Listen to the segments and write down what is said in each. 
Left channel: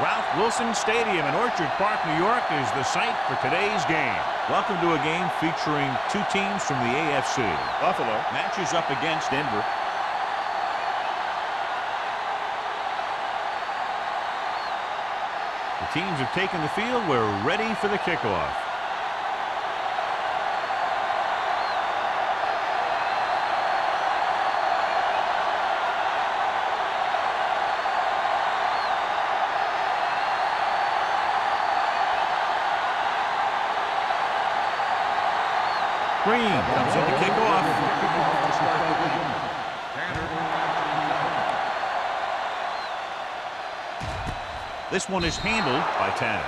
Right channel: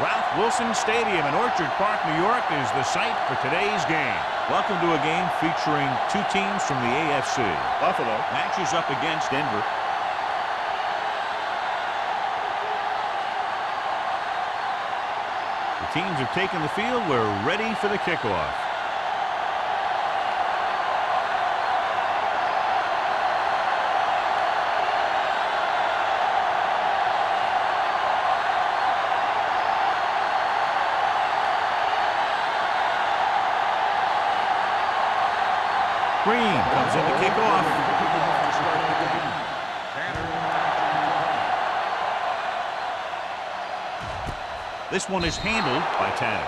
Ralph Wilson Stadium in Orchard Park, New York is the site for today's game. Welcome to a game featuring two teams from the AFC. Buffalo matches up against Denver. The teams have taken the field. We're ready for the kickoff. Green comes in to kick off. To start the game. This one is handled by Tanner.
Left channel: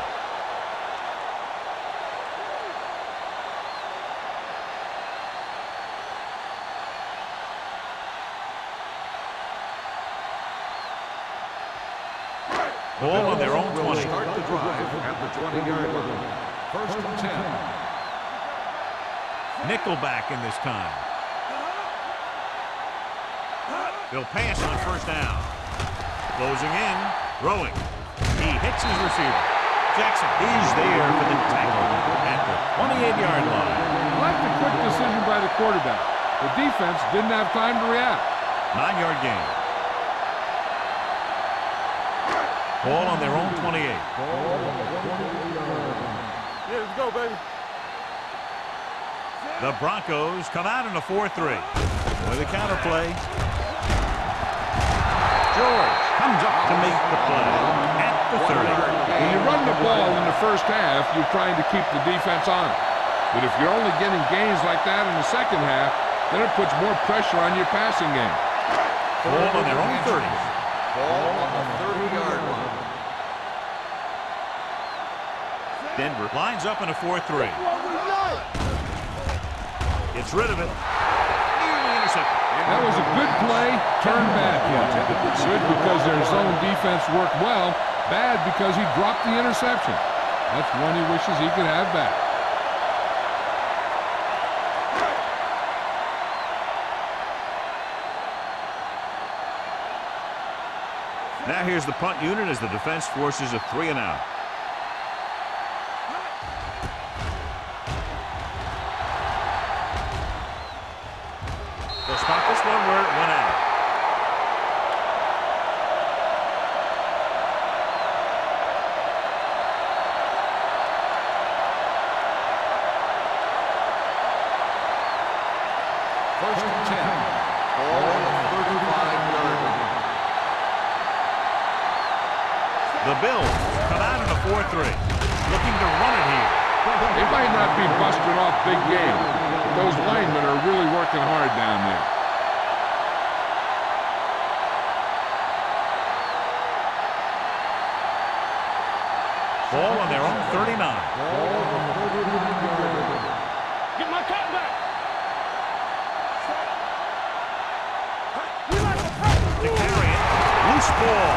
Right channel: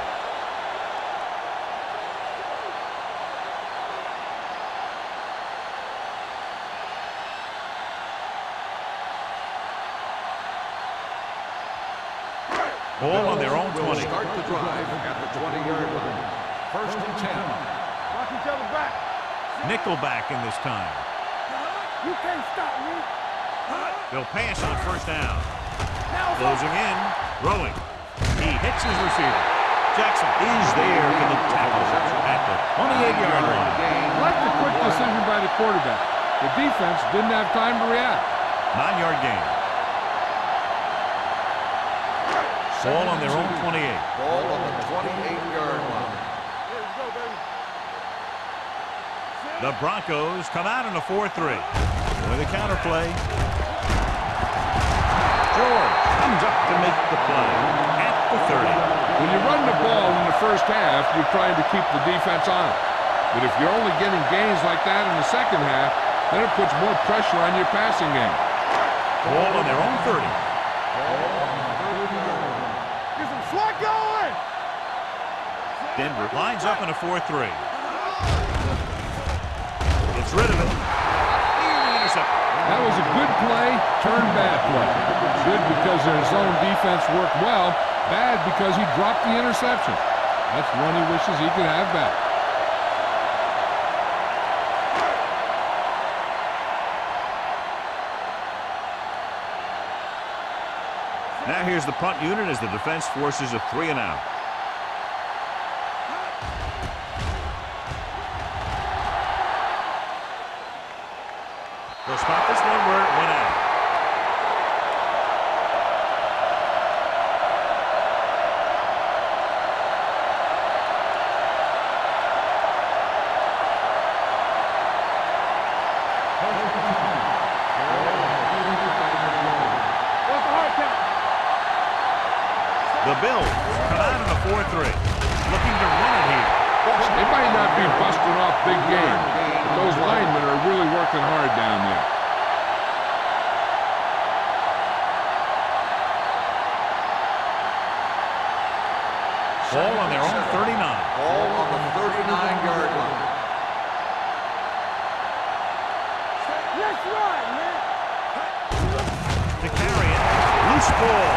Ball on their own 20. Start the drive at the 20-yard line. 1st and 10. Watch each other back. Nickelback in this time. You can't stop me. They'll pass on 1st down. Closing in, throwing. He hits his receiver. Jackson is there for the tackle at the 28-yard line. I like the quick decision by the quarterback. The defense didn't have time to react. 9-yard gain. Ball on their own 28. Ball on the 28-yard line. Yeah, let's go, baby. The Broncos come out in a 4-3. With a counter play. George comes up to make the play at the 30. When you run the ball in the first half, you're trying to keep the defense on it. But if you're only getting gains like that in the second half, then it puts more pressure on your passing game. Ball on their own 30. Ball on the 30-yard line. Get some slack going. Denver lines up in a 4-3. Gets rid of it. Nearly intercepted. That was a good play, turned bad play. Good because their zone defense worked well. Bad because he dropped the interception. That's one he wishes he could have back. Now here's the punt unit as the defense forces a 3-and-out. They'll stop this one where it went out. First and 10. Ball on the 35-yard line. The Bills come out in a 4-3, looking to run it here. They might not be busting off big game, but those linemen are really working hard down there. Ball on their own 39. Ball on the 39-yard line. Get my cut back. Let's run, man. To carry it, loose ball.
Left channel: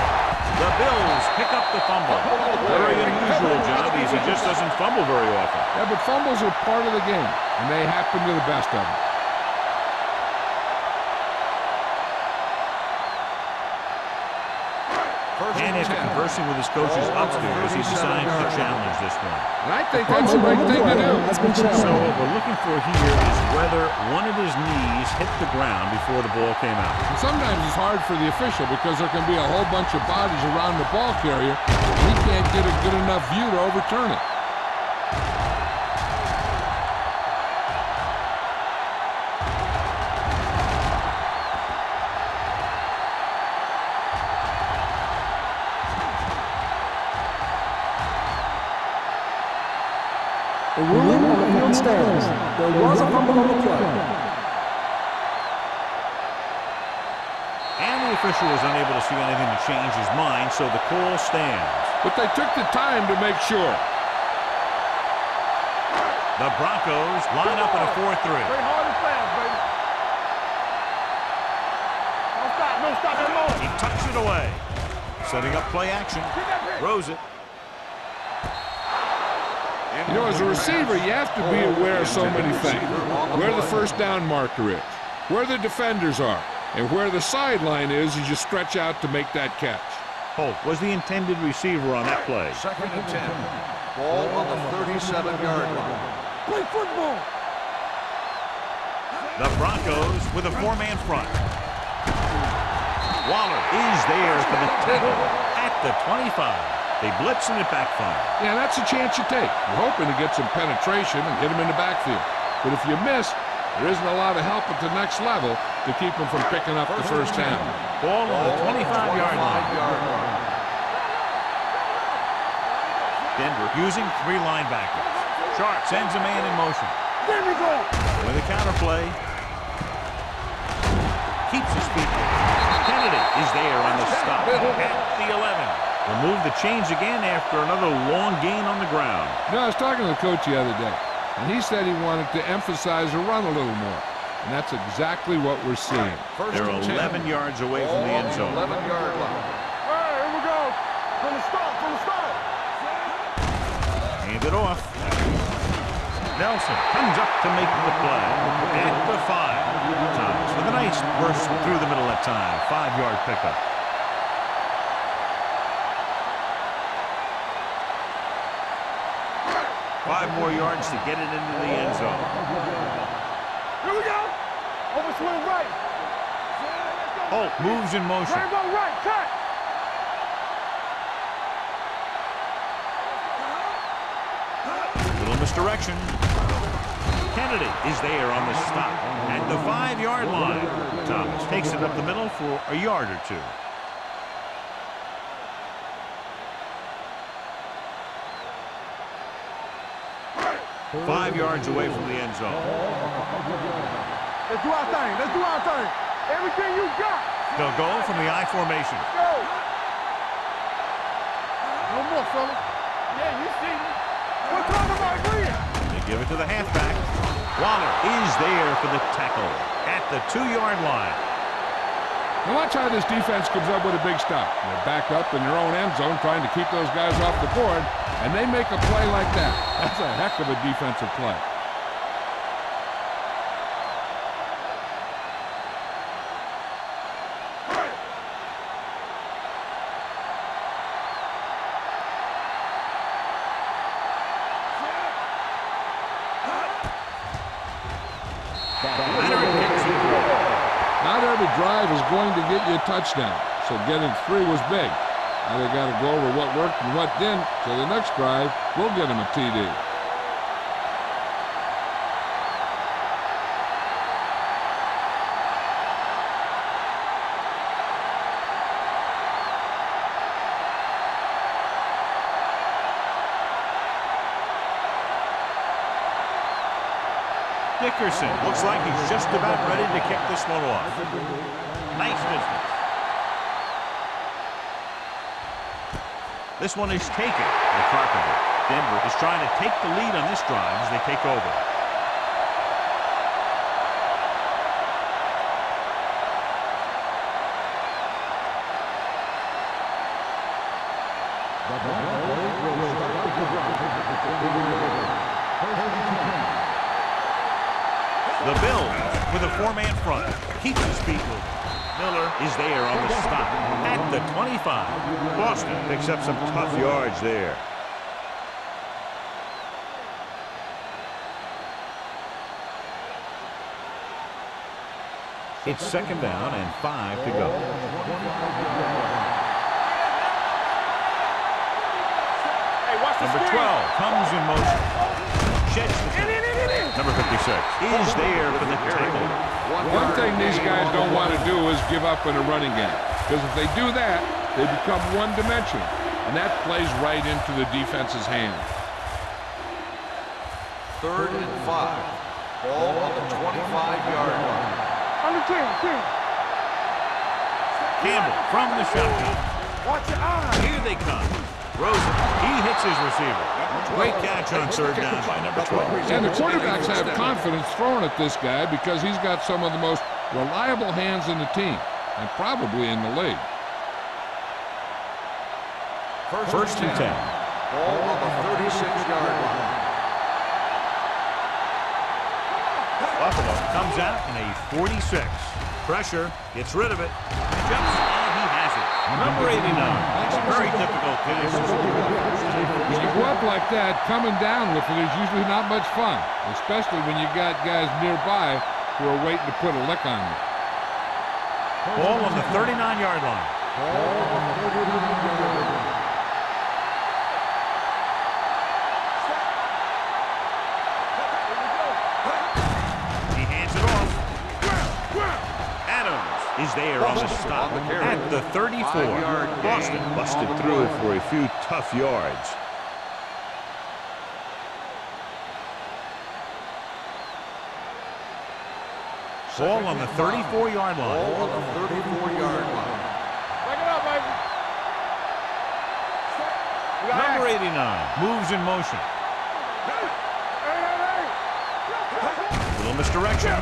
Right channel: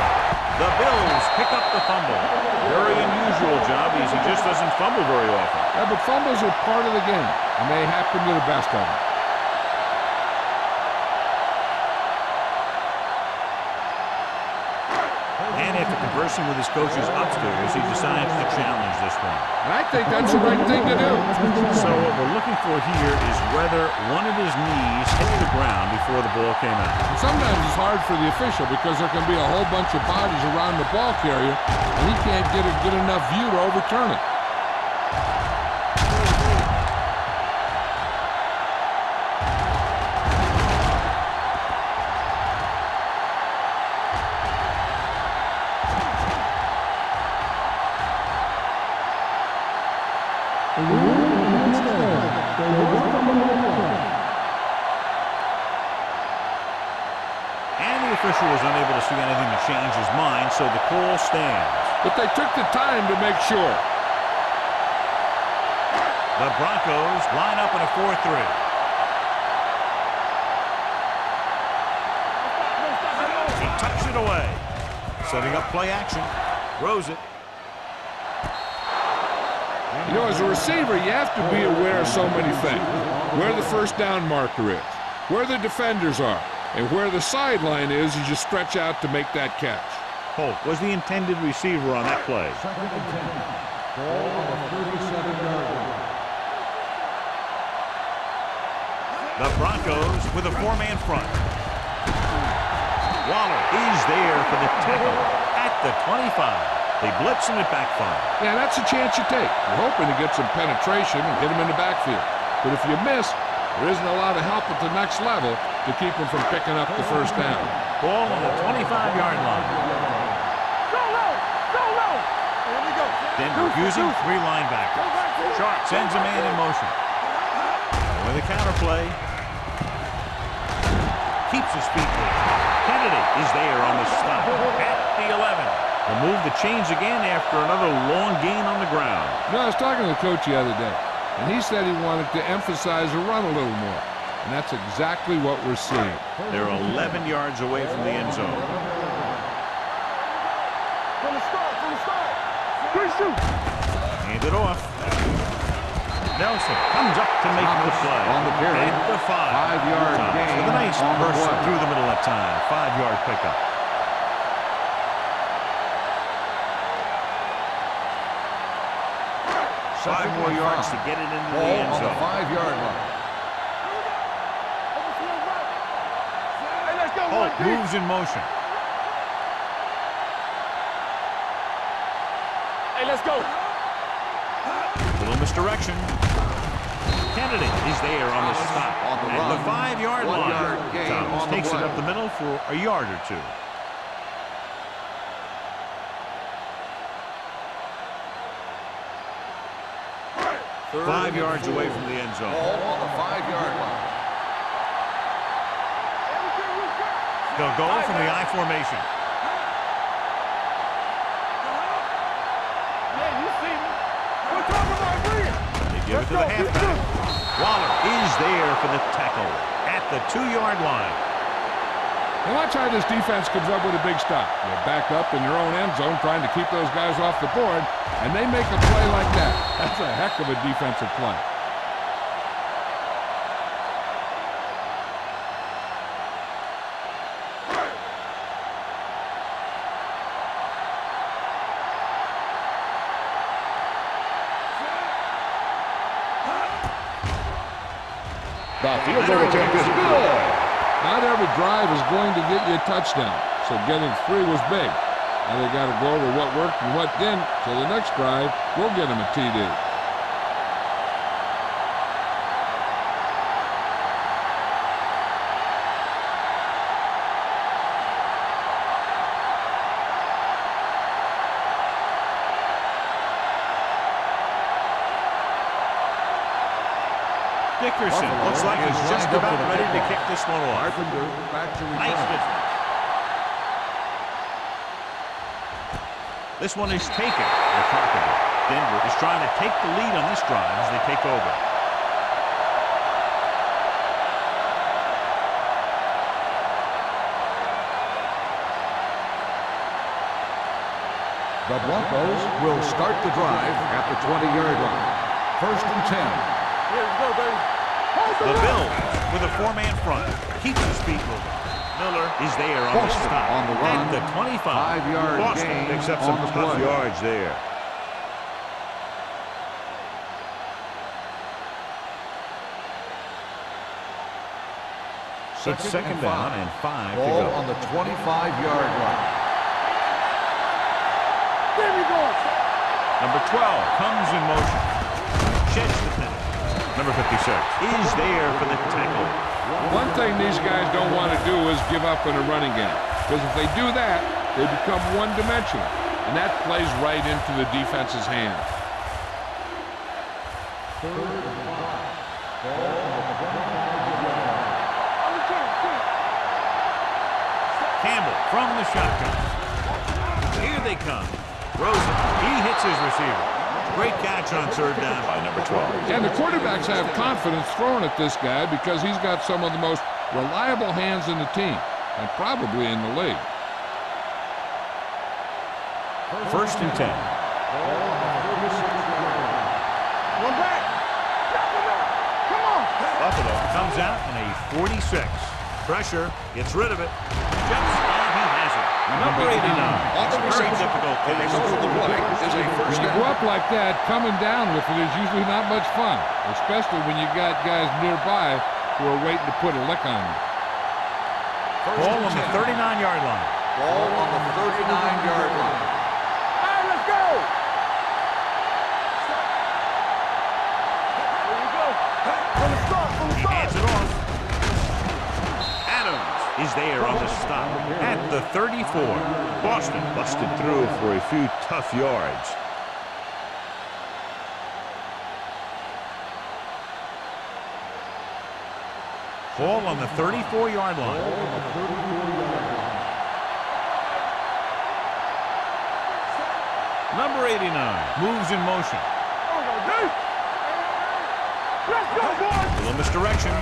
The Bills pick up the fumble. Very unusual job as he just doesn't fumble very often. Yeah, but fumbles are part of the game, and they happen to the best of them. And after conversing with his coaches upstairs, he decides to challenge this one. And I think that's the right thing to do. So what we're looking for here is whether one of his knees hit the ground before the ball came out. And sometimes it's hard for the official because there can be a whole bunch of bodies around the ball carrier, and he can't get a good enough view to overturn it. The ruling on the field stands. There was a fumble on the play. And the official was unable to see anything to change his mind, so the call stands. But they took the time to make sure. The Broncos line up in a 4-3. Don't stop that motion. He tucks it away. Setting up play action. Throws it. You know, as a receiver, you have to be aware of so many things. Where the first down marker is, where the defenders are, and where the sideline is as you stretch out to make that catch. Holt was the intended receiver on that play. Second and 10. Ball on the 37-yard line. The Broncos with a four-man front. Waller is there for the tackle at the 25. They blitz and it backfires. Yeah, that's a chance you take. You're hoping to get some penetration and hit him in the backfield. But if you miss, there isn't a lot of help at the next level to keep him from picking up the first down. Ball on the 25-yard line. Denver using three linebackers. Sharp sends a man in motion. With a counter play. Keeps his feet moving. Kennedy is there on the stop at the 11. They'll move the chains again after another long gain on the ground. You know, I was talking to the coach the other day, and he said he wanted to emphasize the run a little more. And that's exactly what we're seeing. They're 11 yards away from the end zone. From the start. Hand it off. Nelson comes up to make the play at the 5. Thomas with a nice burst through the middle that time. 5-yard pickup. Five more yards to get it into the end zone. 5-yard line. Overswing right. Hey, let's go. Holt moves in motion. Hey, let's go. Little misdirection. Kennedy is there on the stop at the 5-yard line. Thomas takes it up the middle for a yard or two. Third 5 yards away from the end zone. Ball on the 5-yard line. Let's do our thing. Everything you got. They'll go from the I formation. One more, fella. Yeah, you see me. We're talking about Rhea. They give it to the halfback. Waller is there for the tackle at the 2-yard line. Now watch how this defense comes up with a big stop. They're backed up in their own end zone trying to keep those guys off the board, and they make a play like that. That's a heck of a defensive play. Leonard kicks it through. Not every drive is going to get you a touchdown, so getting 3 was big. Now they got to go over what worked and what didn't, so the next drive will get them a TD. Dickerson looks like he's just about ready to kick this one off. Nice distance. This one is taken by Carpenter. Denver is trying to take the lead on this drive as they take over. The Broncos will start the drive at the 20-yard line. First and 10. The Bills with a 4-man front. Keeps his feet moving. Miller is there on the stop at the 25. Boston picks up some tough yards there. It's second down and 5 to go. On the 25-yard line. Number 12 comes in motion. Sheds the penalty. Number 56 is there for the tackle. One thing these guys don't want to do is give up in a running game, because if they do that, they become one-dimensional, and that plays right into the defense's hand. Third and 5. Ball on the 25-yard line. On the 10. Campbell from the shotgun. Watch your eye. Here they come. Rosen, he hits his receiver. Great catch on third down by number 12. And the quarterbacks have confidence throwing at this guy because he's got some of the most reliable hands in the team, and probably in the league. First and 10. Ball on the 36-yard line. One back. Come on. Buffalo comes out in a 46. Pressure, gets rid of it. Jumps, and he has it. Number 89. It's a very difficult catch. When you go up like that, coming down with it is usually not much fun, especially when you got guys nearby who are waiting to put a lick on you. Ball on the 39-yard line. Ball on the 39-yard line. All right, let's go. Here we go. He hands it off. Adams is there on the stop at the 34. Boston busted through for a few tough yards. Ball on the 34-yard line. Back it up, baby. Number 89 moves in motion. Hey. Let's go, boys. A little misdirection.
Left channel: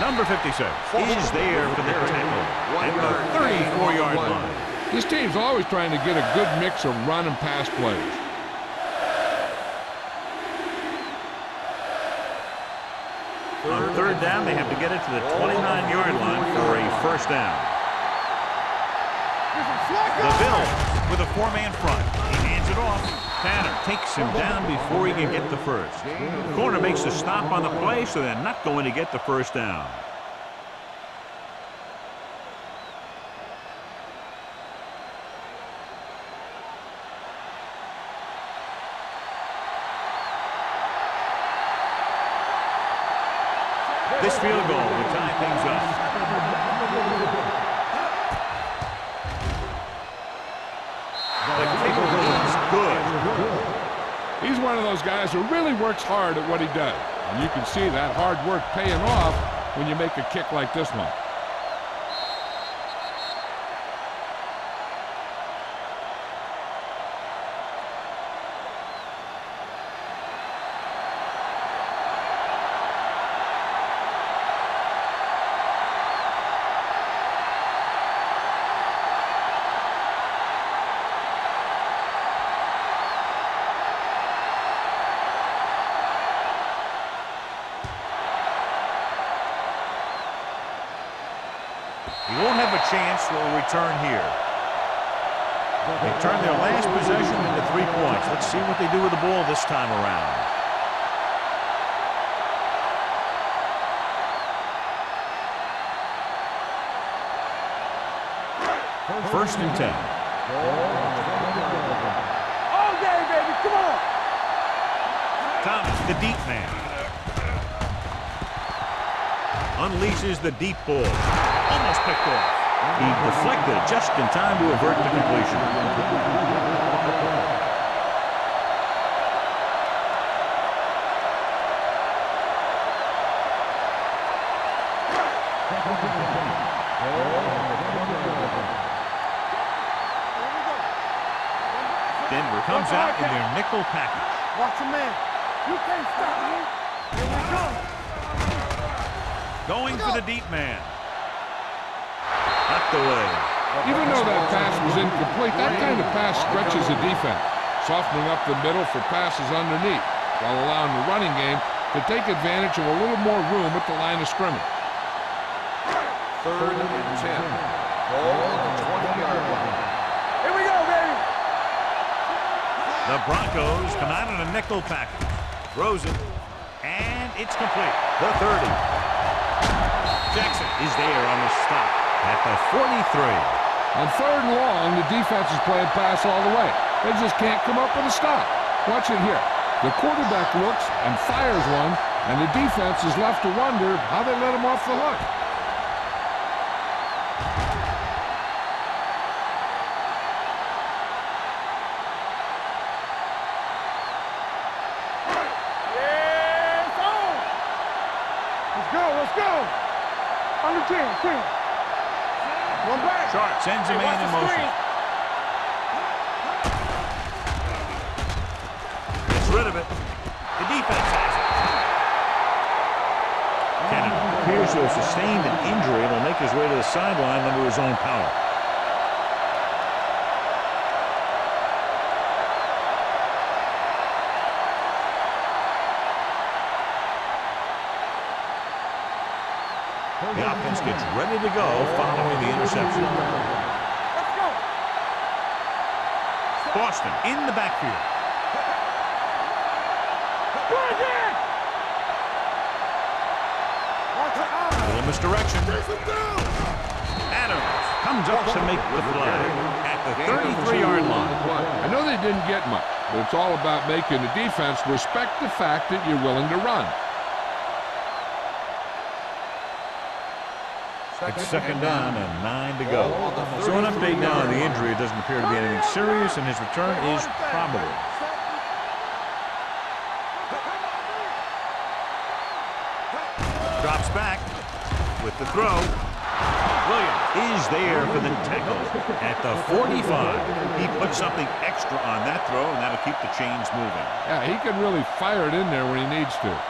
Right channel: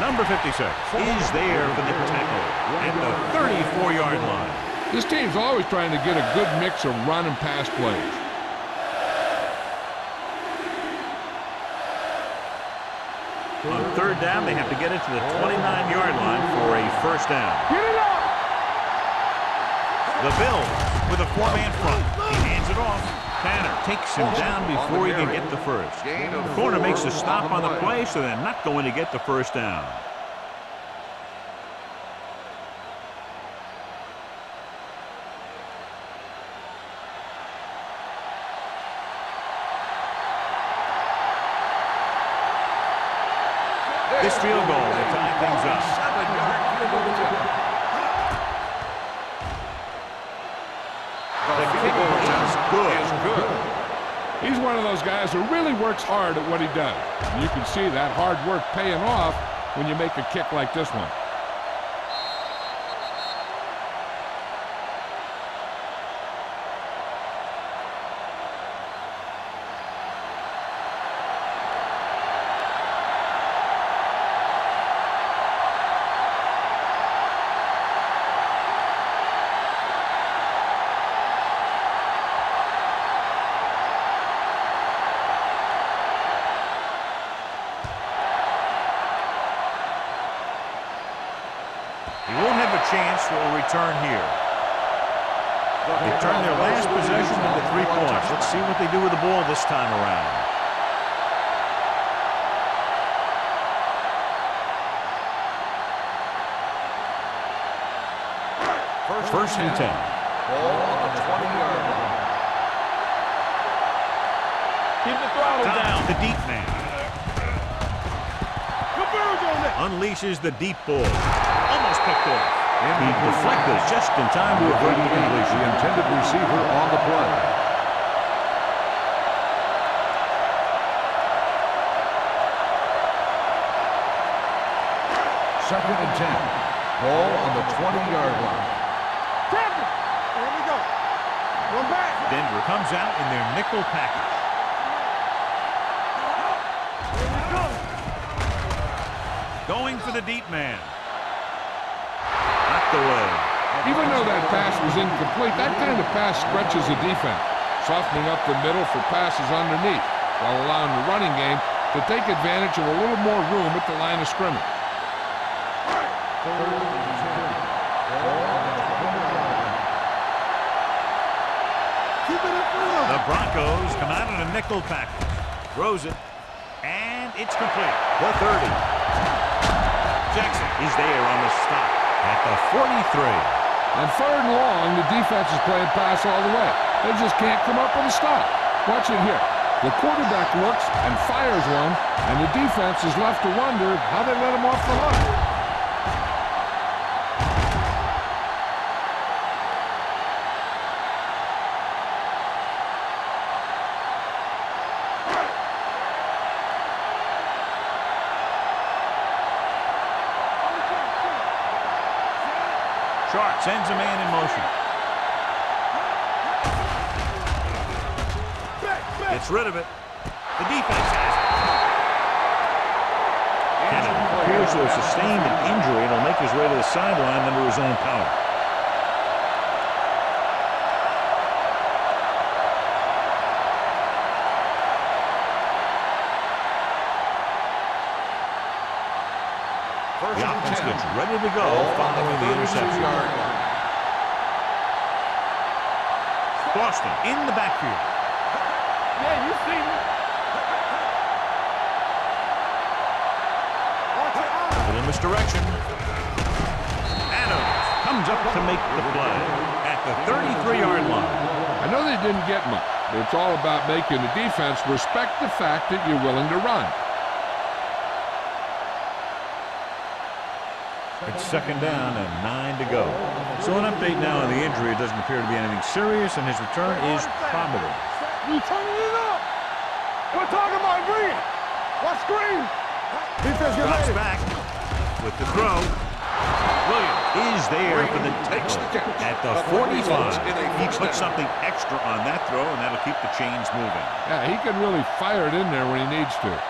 Number 56 is there for the tackle at the 34-yard line. This team's always trying to get a good mix of run and pass plays. On third down, they have to get it to the 29-yard line for a first down. The Bills with a four-man front. He hands it off. Tanner takes him down before he can get the first. The corner makes a stop on the play, so they're not going to get the first down. This field goal will tie things up. 7-yard field goal attempt. The kick is good. He's one of those guys who really works hard at what he does. And you can see that hard work paying off when you make a kick like this one. He won't have a chance for a return here. They turned their last possession into 3 points. Let's see what they do with the ball this time around. First and 10. Ball on the 20-yard line. All day, baby. Come on. Keep it throwing. Thomas, the deep man, Good birds on there. unleashes the deep ball. Almost picked off. He deflected it just in time to avert the completion. The intended receiver on the play. Second and 10. Ball on the 20-yard line. Here we go. One back. Denver comes out in their nickel package. Watch your man. You can't stop him. Here we go. Going for the deep man. Knocked away. Even though that pass was incomplete, that kind of pass stretches the defense, softening up the middle for passes underneath, while allowing the running game to take advantage of a little more room at the line of scrimmage. Third and 10. Ball on the 20-yard line. Here we go, baby. Keep it up. The Broncos come out in a nickel package. Throws it. And it's complete. The 30. Jackson is there on the stop at the 43. On third and long, the defense is playing pass all the way. They just can't come up with a stop. Watch it here. The quarterback looks and fires one, and the defense is left to wonder how they let him off the hook. Let's go. On the team. One back. Sharp sends a man in motion. Gets rid of it. The defense has it. Canada appears to have sustained an injury and will make his way to the sideline under his own power. The offense gets ready to go following the interception. Boston in the backfield. Yeah, you see me. Watch your eyes. Little misdirection. Adams comes up to make the play at the 33-yard line. I know they didn't get much, but it's all about making the defense respect the fact that you're willing to run. It's second down and 9 to go. So an update now on the injury. It doesn't appear to be anything serious, and his return is probable. You turning it up. We're talking about green. What screen? Drops back with the throw. Williams is there for the tackle at the 45. He put something extra on that throw, and that'll keep the chains moving. Yeah, he can really fire it in there when he needs to.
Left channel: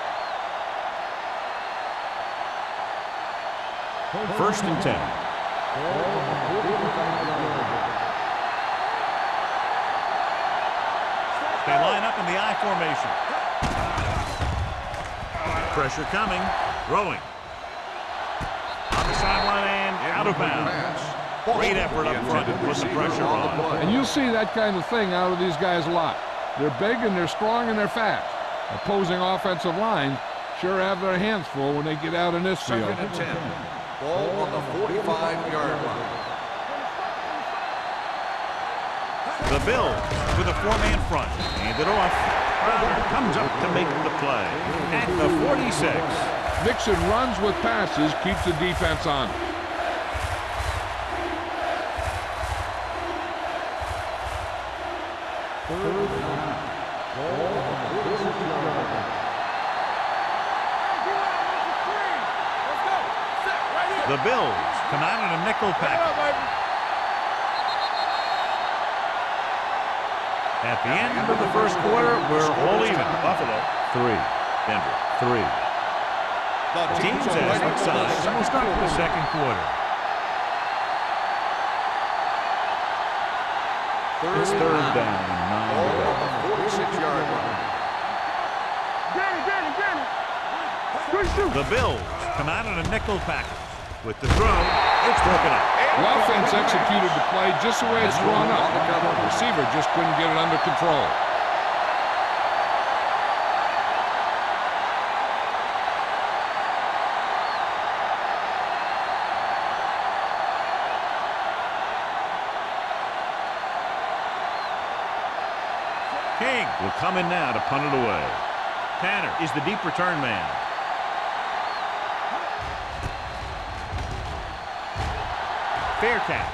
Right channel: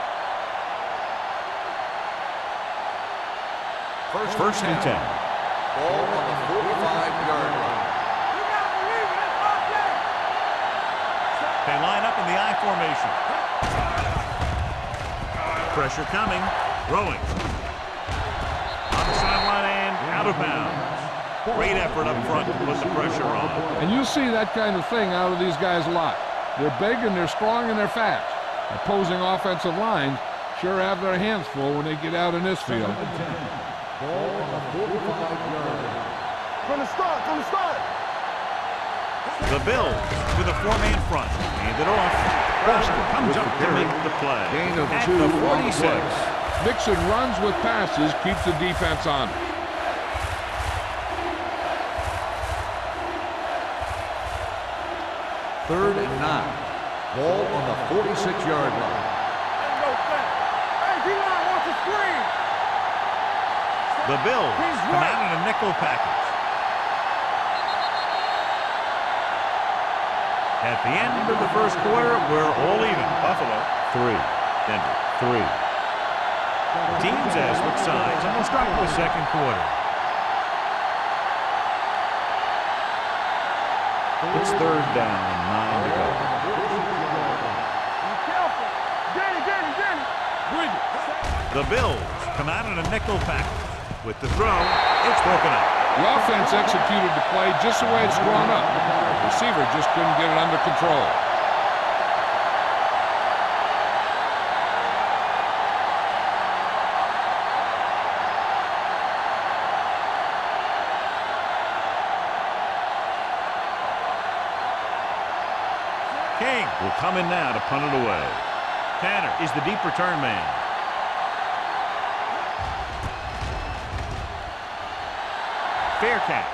First and 10. Ball on the 45-yard line. They line up in the I formation. Pressure coming. Throwing. On the sideline and out of bounds. Great effort up front to put the pressure on. And you'll see that kind of thing out of these guys a lot. They're big and they're strong and they're fast. Opposing offensive lines sure have their hands full when they get out in this field. Ball on the 45-yard line. From the start. The Bills with a four-man front. Hand it off. Crowder comes up to make the play at the 46. Mixon runs with passes, keeps the defense on. Third and 9. Ball on the 46-yard line. Hey, D-line, watch the screen. The Bills come out in a nickel package. At the end of the first quarter, we're all even. Buffalo 3, Denver 3. The teams have switched sides, and we'll start with the second quarter. It's third down and 9 to go. 46-yard line. Be careful. Danny. The Bills come out in a nickel package. With the throw, it's broken up. The offense executed the play just the way it's drawn up. The receiver just couldn't get it under control. King will come in now to punt it away. Tanner is the deep return man. Fair catch.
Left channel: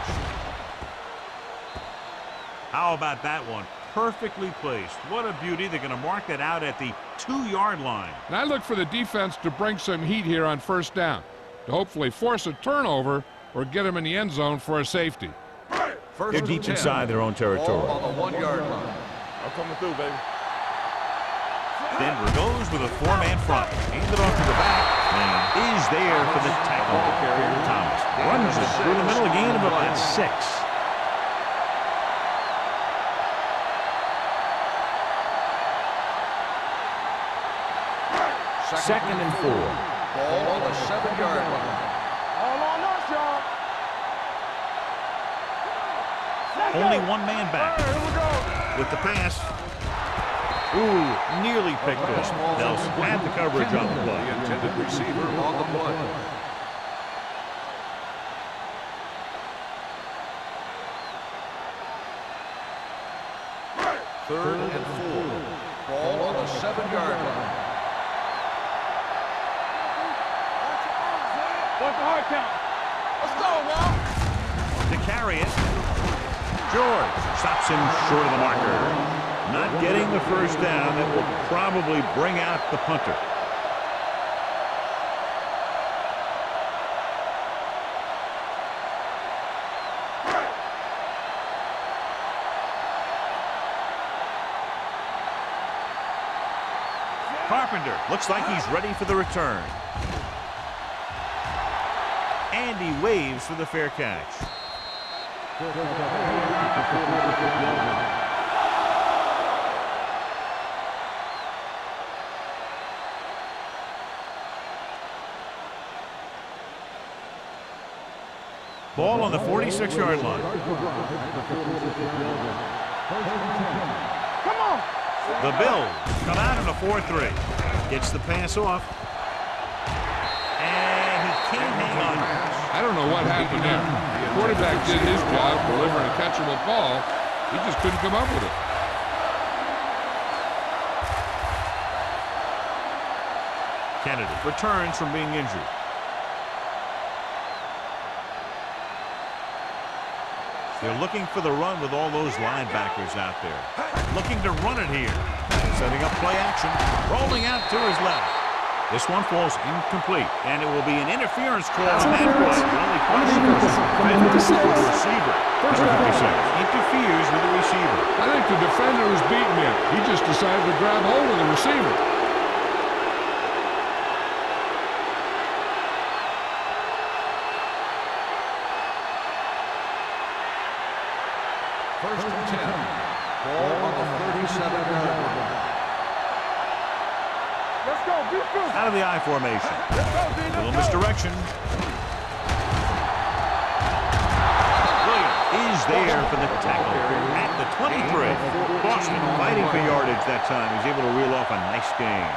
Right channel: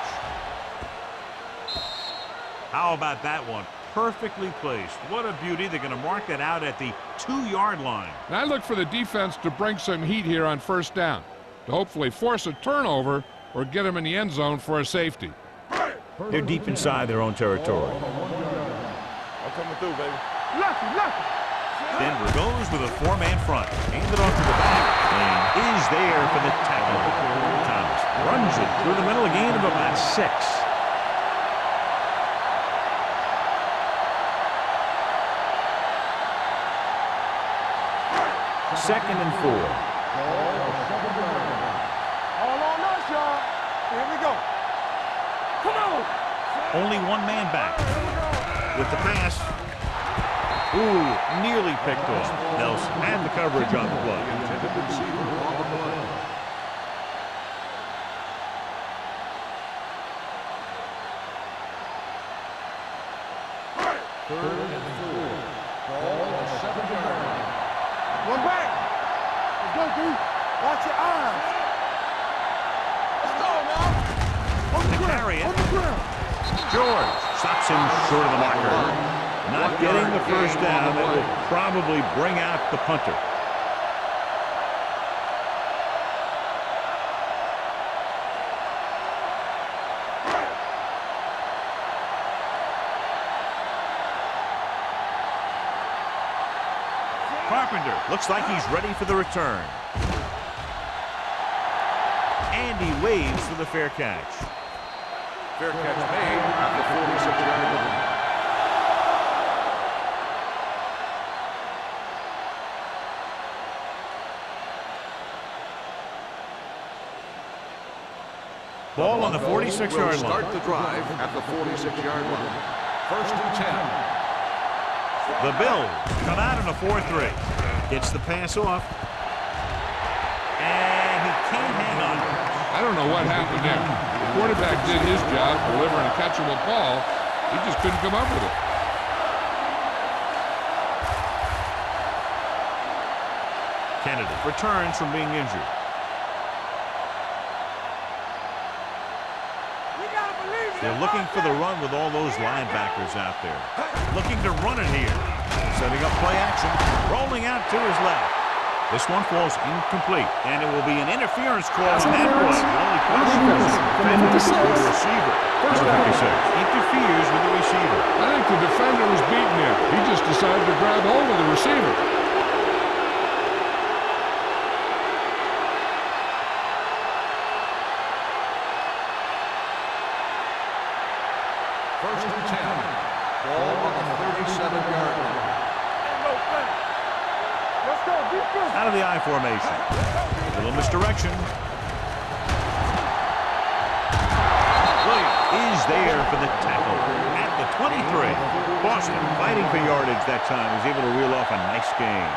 How about that one? Perfectly placed. What a beauty. They're going to mark that out at the 2-yard line. And I look for the defense to bring some heat here on first down, to hopefully force a turnover or get them in the end zone for a safety. They're deep inside their own territory. On the 1-yard line. I'm coming through, baby. Denver goes with a four-man front. Handed off to the back. Lane is there for the tackle. Thomas runs it through the middle, a gain of about 6. Second and 4. Ball on the 7-yard line. All on us, y'all. Here we go. Come on. Only one man back. Here we go. With the pass. Ooh, nearly picked off. Nelson had the coverage on the play. The intended receiver on the play. Third and 4. Ball on the 7-yard line. One back. Let's go, dude. Watch your eyes. Watch the hard count. Let's go, now. To carry it. George stops him short of the marker. Not getting the first down. That will probably bring out the punter. Carpenter looks like he's ready for the return. And he waves for the fair catch. Fair catch made at the 46-yard line. Ball on the 46-yard line. Start the drive at the 46-yard line. First and 10. Come on. The Bills come out in a 4-3. Gets the pass off. And he can't hang on. I don't know what happened there. The quarterback did his job, delivering a catchable ball. He just couldn't come up with it. Kennedy returns from being injured. They're looking for the run with all those linebackers out there. Looking to run it here. Setting up play action. Rolling out to his left. This one falls incomplete, and it will be an interference call on that play. The only question was the defender or the receiver. Number 56 interferes with the receiver. I think the defender was beaten him. He just decided to grab hold of the receiver. First and 10. Ball on the 37-yard line. Let's go. Defense. Out of the I formation. A little misdirection. Williams is there for the tackle at the 23. Boston fighting for yardage that time. He's able to reel off a nice gain.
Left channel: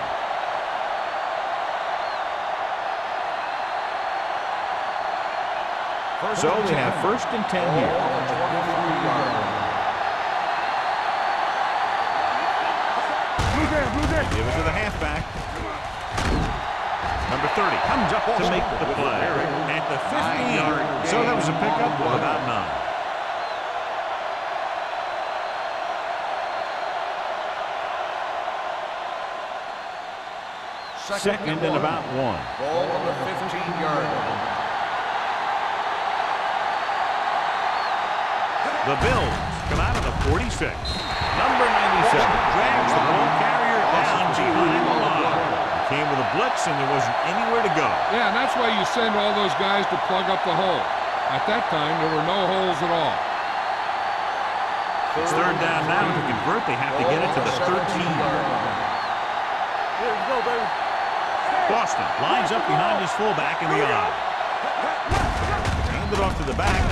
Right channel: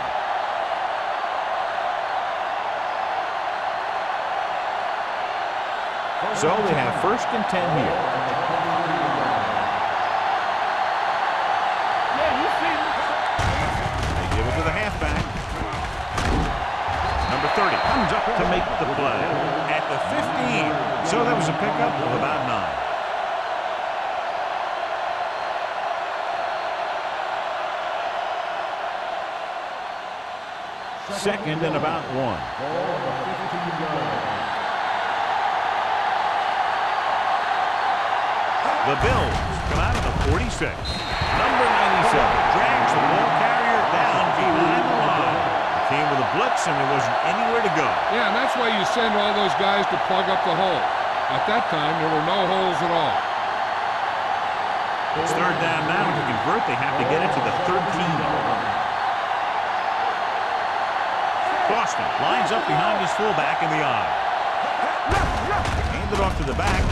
So we have first and 10 here. On the 23-yard line. They give it to the halfback. Number 30 comes up to make the play at the 15. So that was a pickup of about 9. Second and about 1. Ball on the 15-yard line. The Bills come out of the 46. Number 97 drags the ball carrier down behind the line. He came with a blitz, and there wasn't anywhere to go. Yeah, and that's why you send all those guys to plug up the hole. At that time, there were no holes at all. It's third down now. To convert, they have to get it to the 13. Boston lines up behind his fullback in the I. Hand it off to the back.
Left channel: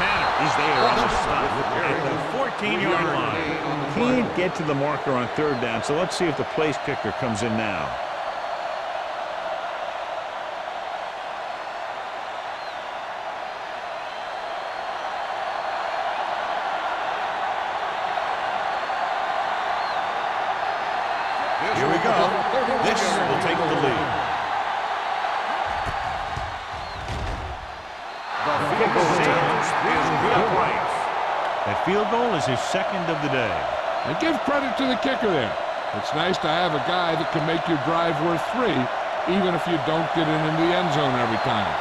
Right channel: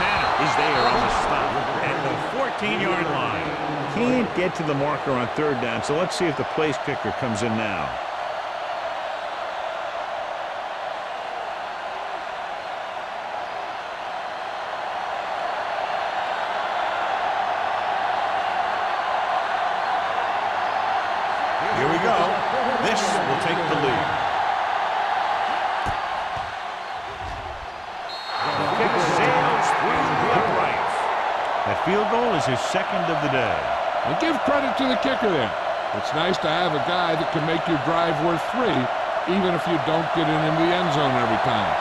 Tanner is there on the stop at the 14-yard line. Can't get to the marker on third down, so let's see if the place kicker comes in now. Here we go. This will take the lead. The kick sails through the uprights. That field goal is his second of the day. And give credit to the kicker there. It's nice to have a guy that can make your drive worth 3, even if you don't get it into the end zone every time.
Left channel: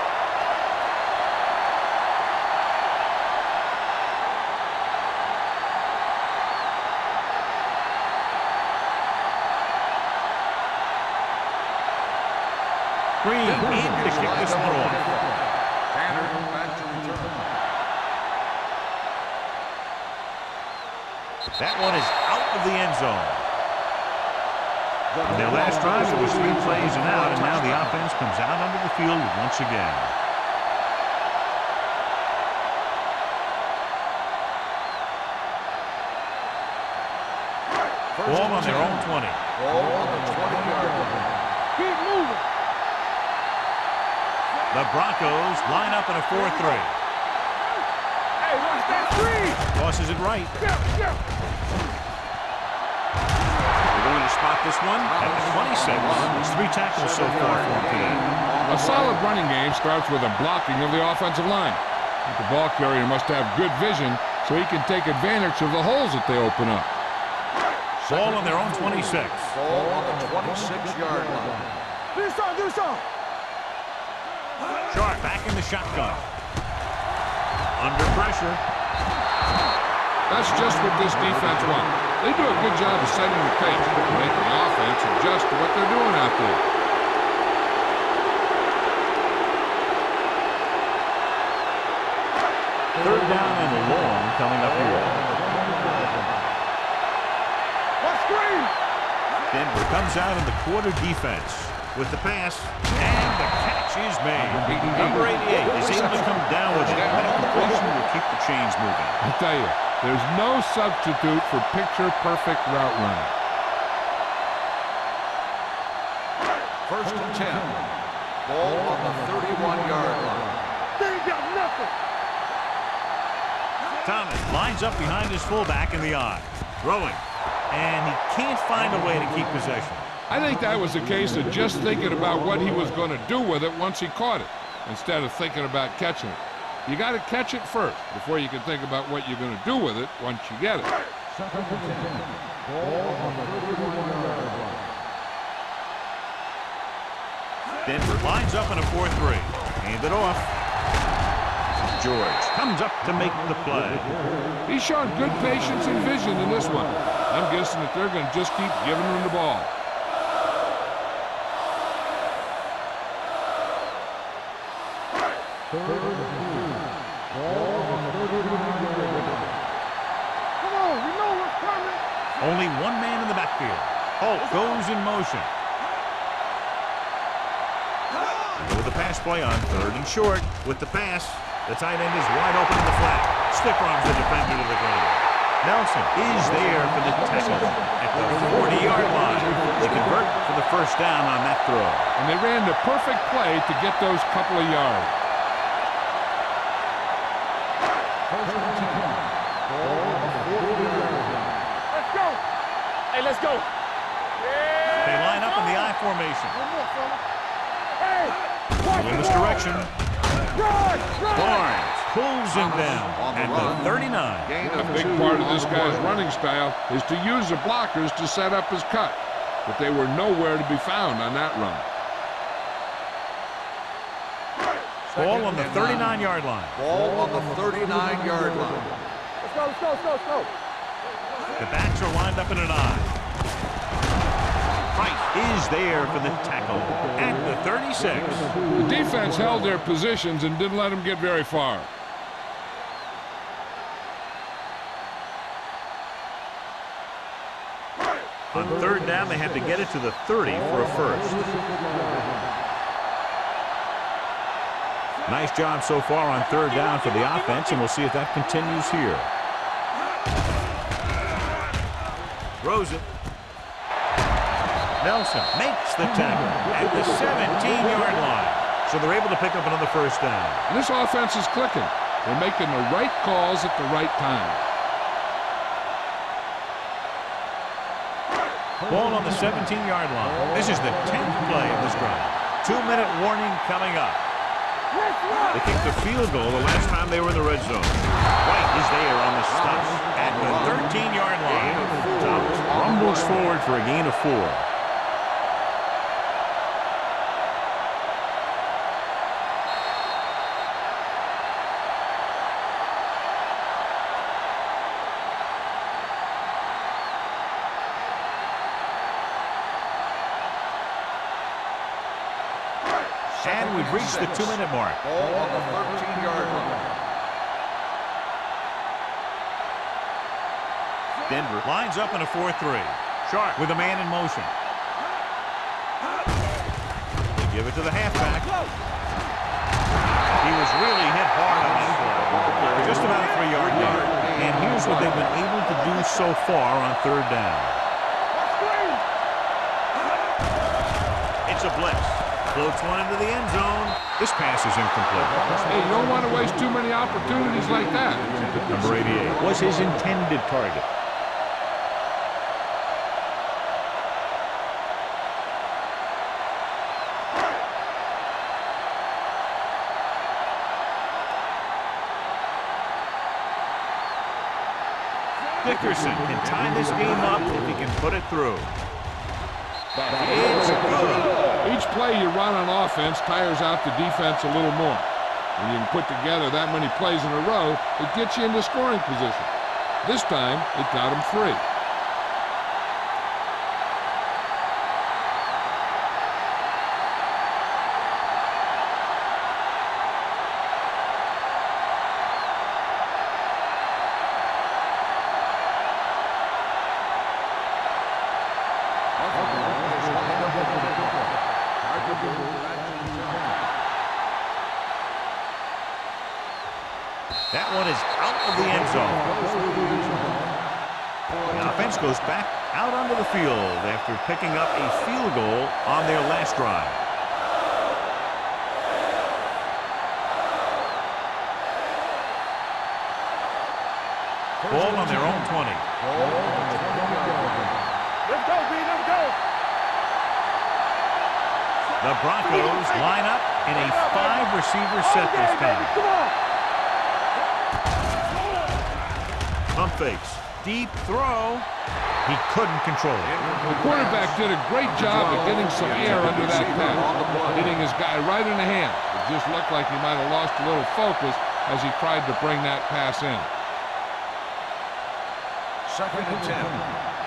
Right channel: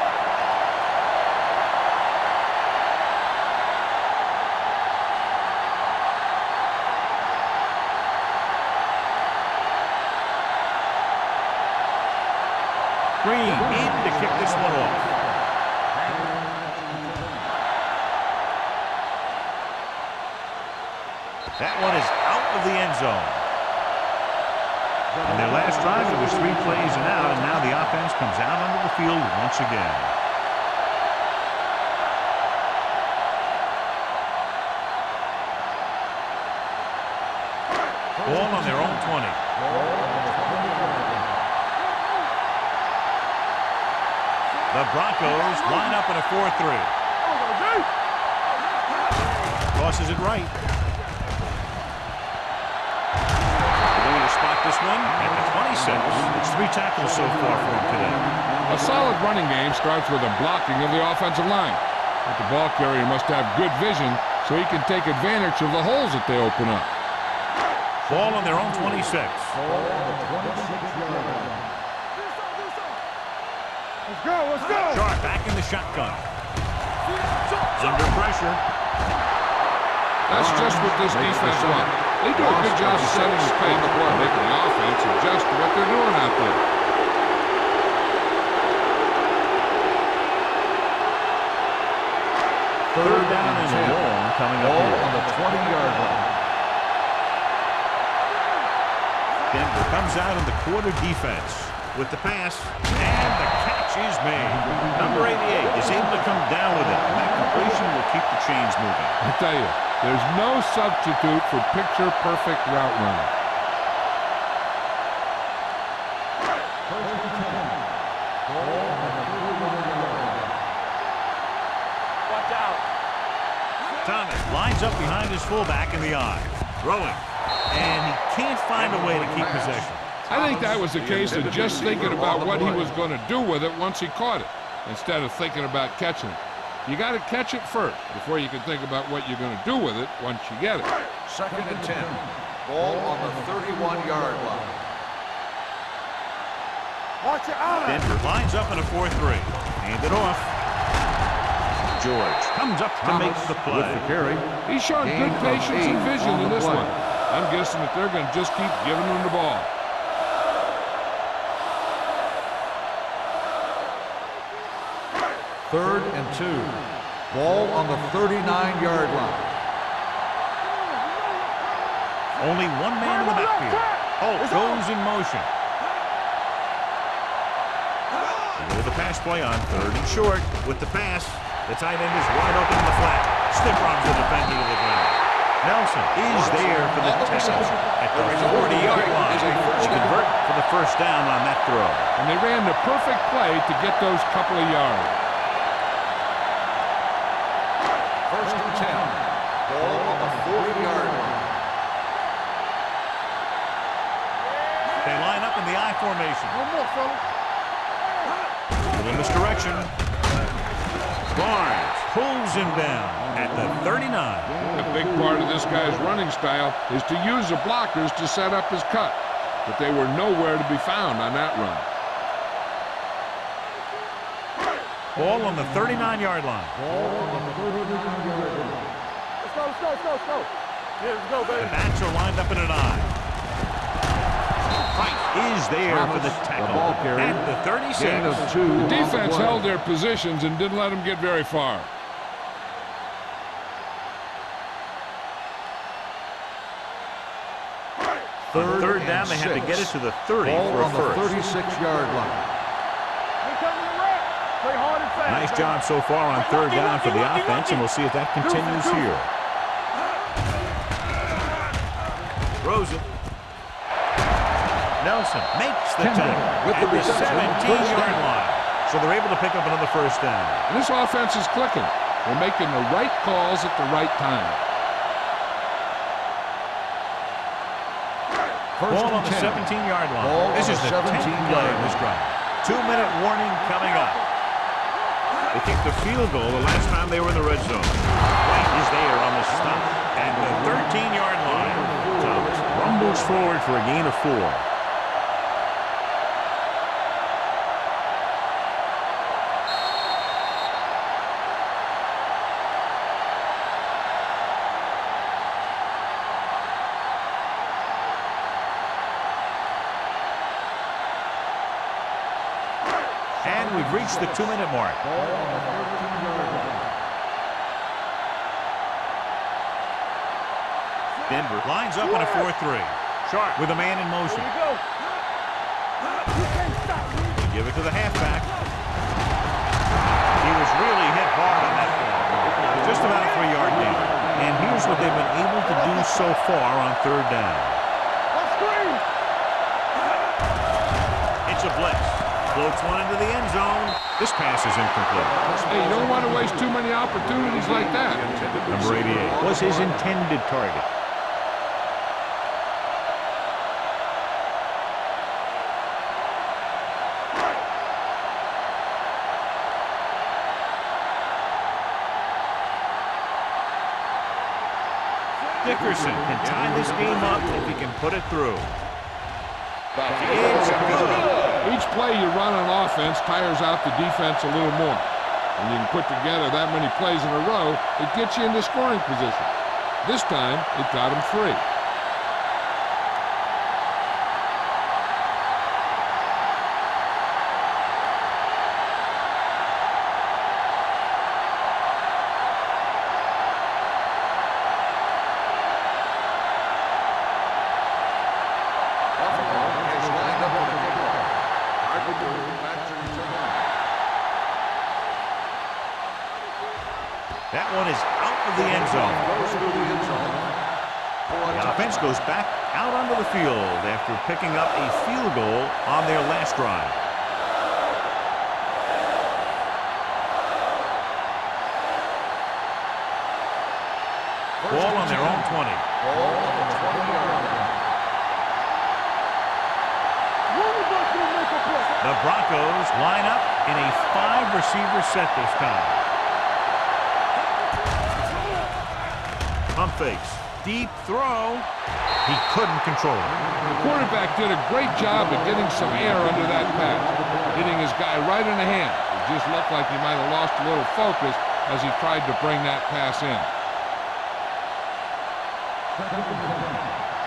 Green in to kick this one off. Tanner back to return. That one is out of the end zone. On their last drive, it was 3 plays and out, and now the offense comes out onto the field once again. Ball on their own 20. Ball on the 20-yard line. The Broncos line up in a 4-3. Tosses it right. They're going to spot this one at the 26. It's 3 tackles so far for him today. A solid running game starts with a blocking of the offensive line. But the ball carrier must have good vision so he can take advantage of the holes that they open up. Ball on their own 26. Ball on the 26-yard line. Sharp back in the shotgun. Under pressure. That's just what this defense wants. They do a good job of setting the pace and making the offense adjust to what they're doing out there. Third down and long coming up here. On the 20-yard line. Denver comes out in the quarter defense. with the pass, and the catch is made. Number 88 is able to come down with it, and that completion will keep the chains moving. I tell you, there's no substitute for picture-perfect route running. First and 10. Ball on the 31-yard line. They ain't got nothing. Watch out. Thomas lines up behind his fullback in the I. Throwing, and he can't find a way to keep possession. I think that was a case of just thinking about what he was going to do with it once he caught it, instead of thinking about catching it. You got to catch it first before you can think about what you're going to do with it once you get it. Second and 10. Ball on the 31-yard line. Watch your eyes. Denver lines up in a 4-3. Hand it off. George comes up to make the play. He's shown good patience and vision in this one. I'm guessing that they're going to just keep giving him the ball. Third and 2. Ball on the 39-yard line. Come on, you know what's coming. Only one man in the backfield. Holt goes in motion. They go with the pass play on 3rd and short. With the pass, the tight end is wide open in the flat. Stiff arms the defender to the ground. Nelson is there for the tackle at the 40-yard line. They convert for the first down on that throw. And they ran the perfect play to get those couple of yards. First and 10. Ball on the 40-yard line. Let's go. Hey, let's go. Yeah. They line up in the I formation. One more, fellas. Hey. A little misdirection. Barnes pulls him down at the 39. A big part of this guy's running style is to use the blockers to set up his cut, but they were nowhere to be found on that run. Ball on the 39-yard line. Ball on the 39-yard line. Let's go, let's go, let's go, let's go. The backs are lined up in an I. Price is there for the tackle at the 36. The defense held their positions and didn't let them get very far. On 3rd down, they have to get it to the 30 for a first. 36-yard line. Nice job so far on 3rd down for the offense, and we'll see if that continues here. Throws it. Nelson makes the tackle at the 17-yard line. So they're able to pick up another first down. And this offense is clicking. They're making the right calls at the right time. Ball on the 17-yard line. This is the 10th play of this drive. 2-minute warning coming up. They kicked the field goal the last time they were in the red zone. White is there on the stop at the 13-yard line. Thomas rumbles forward for a gain of 4. And we've reached the 2-minute mark. Denver lines up in a 4-3. Sharp with a man in motion. They give it to the halfback. He was really hit hard on that play. Just about a 3-yard gain. And here's what they've been able to do so far on 3rd down. It's a blitz. Floats one into the end zone. This pass is incomplete. Hey, you don't want to waste too many opportunities like that. Number 88 was his intended target. Dickerson can tie this game up if he can put it through. It's good. Each play you run on offense tires out the defense a little more. When you can put together that many plays in a row, it gets you into scoring position. This time, it got him free. Carpenter back to return. That one is out of the end zone. Goes through the end zone. The offense goes back out onto the field after picking up a field goal on their last drive. Ball on their own 20. Ball on the 20-yard line. Let's go, B, let's go. Move it up to the mental play. The Broncos line up in a 5-receiver set this time. Pump fakes. Deep throw. He couldn't control it. The quarterback did a great job of getting some air under that pass, hitting his guy right in the hand. It just looked like he might have lost a little focus as he tried to bring that pass in. 2nd and 10.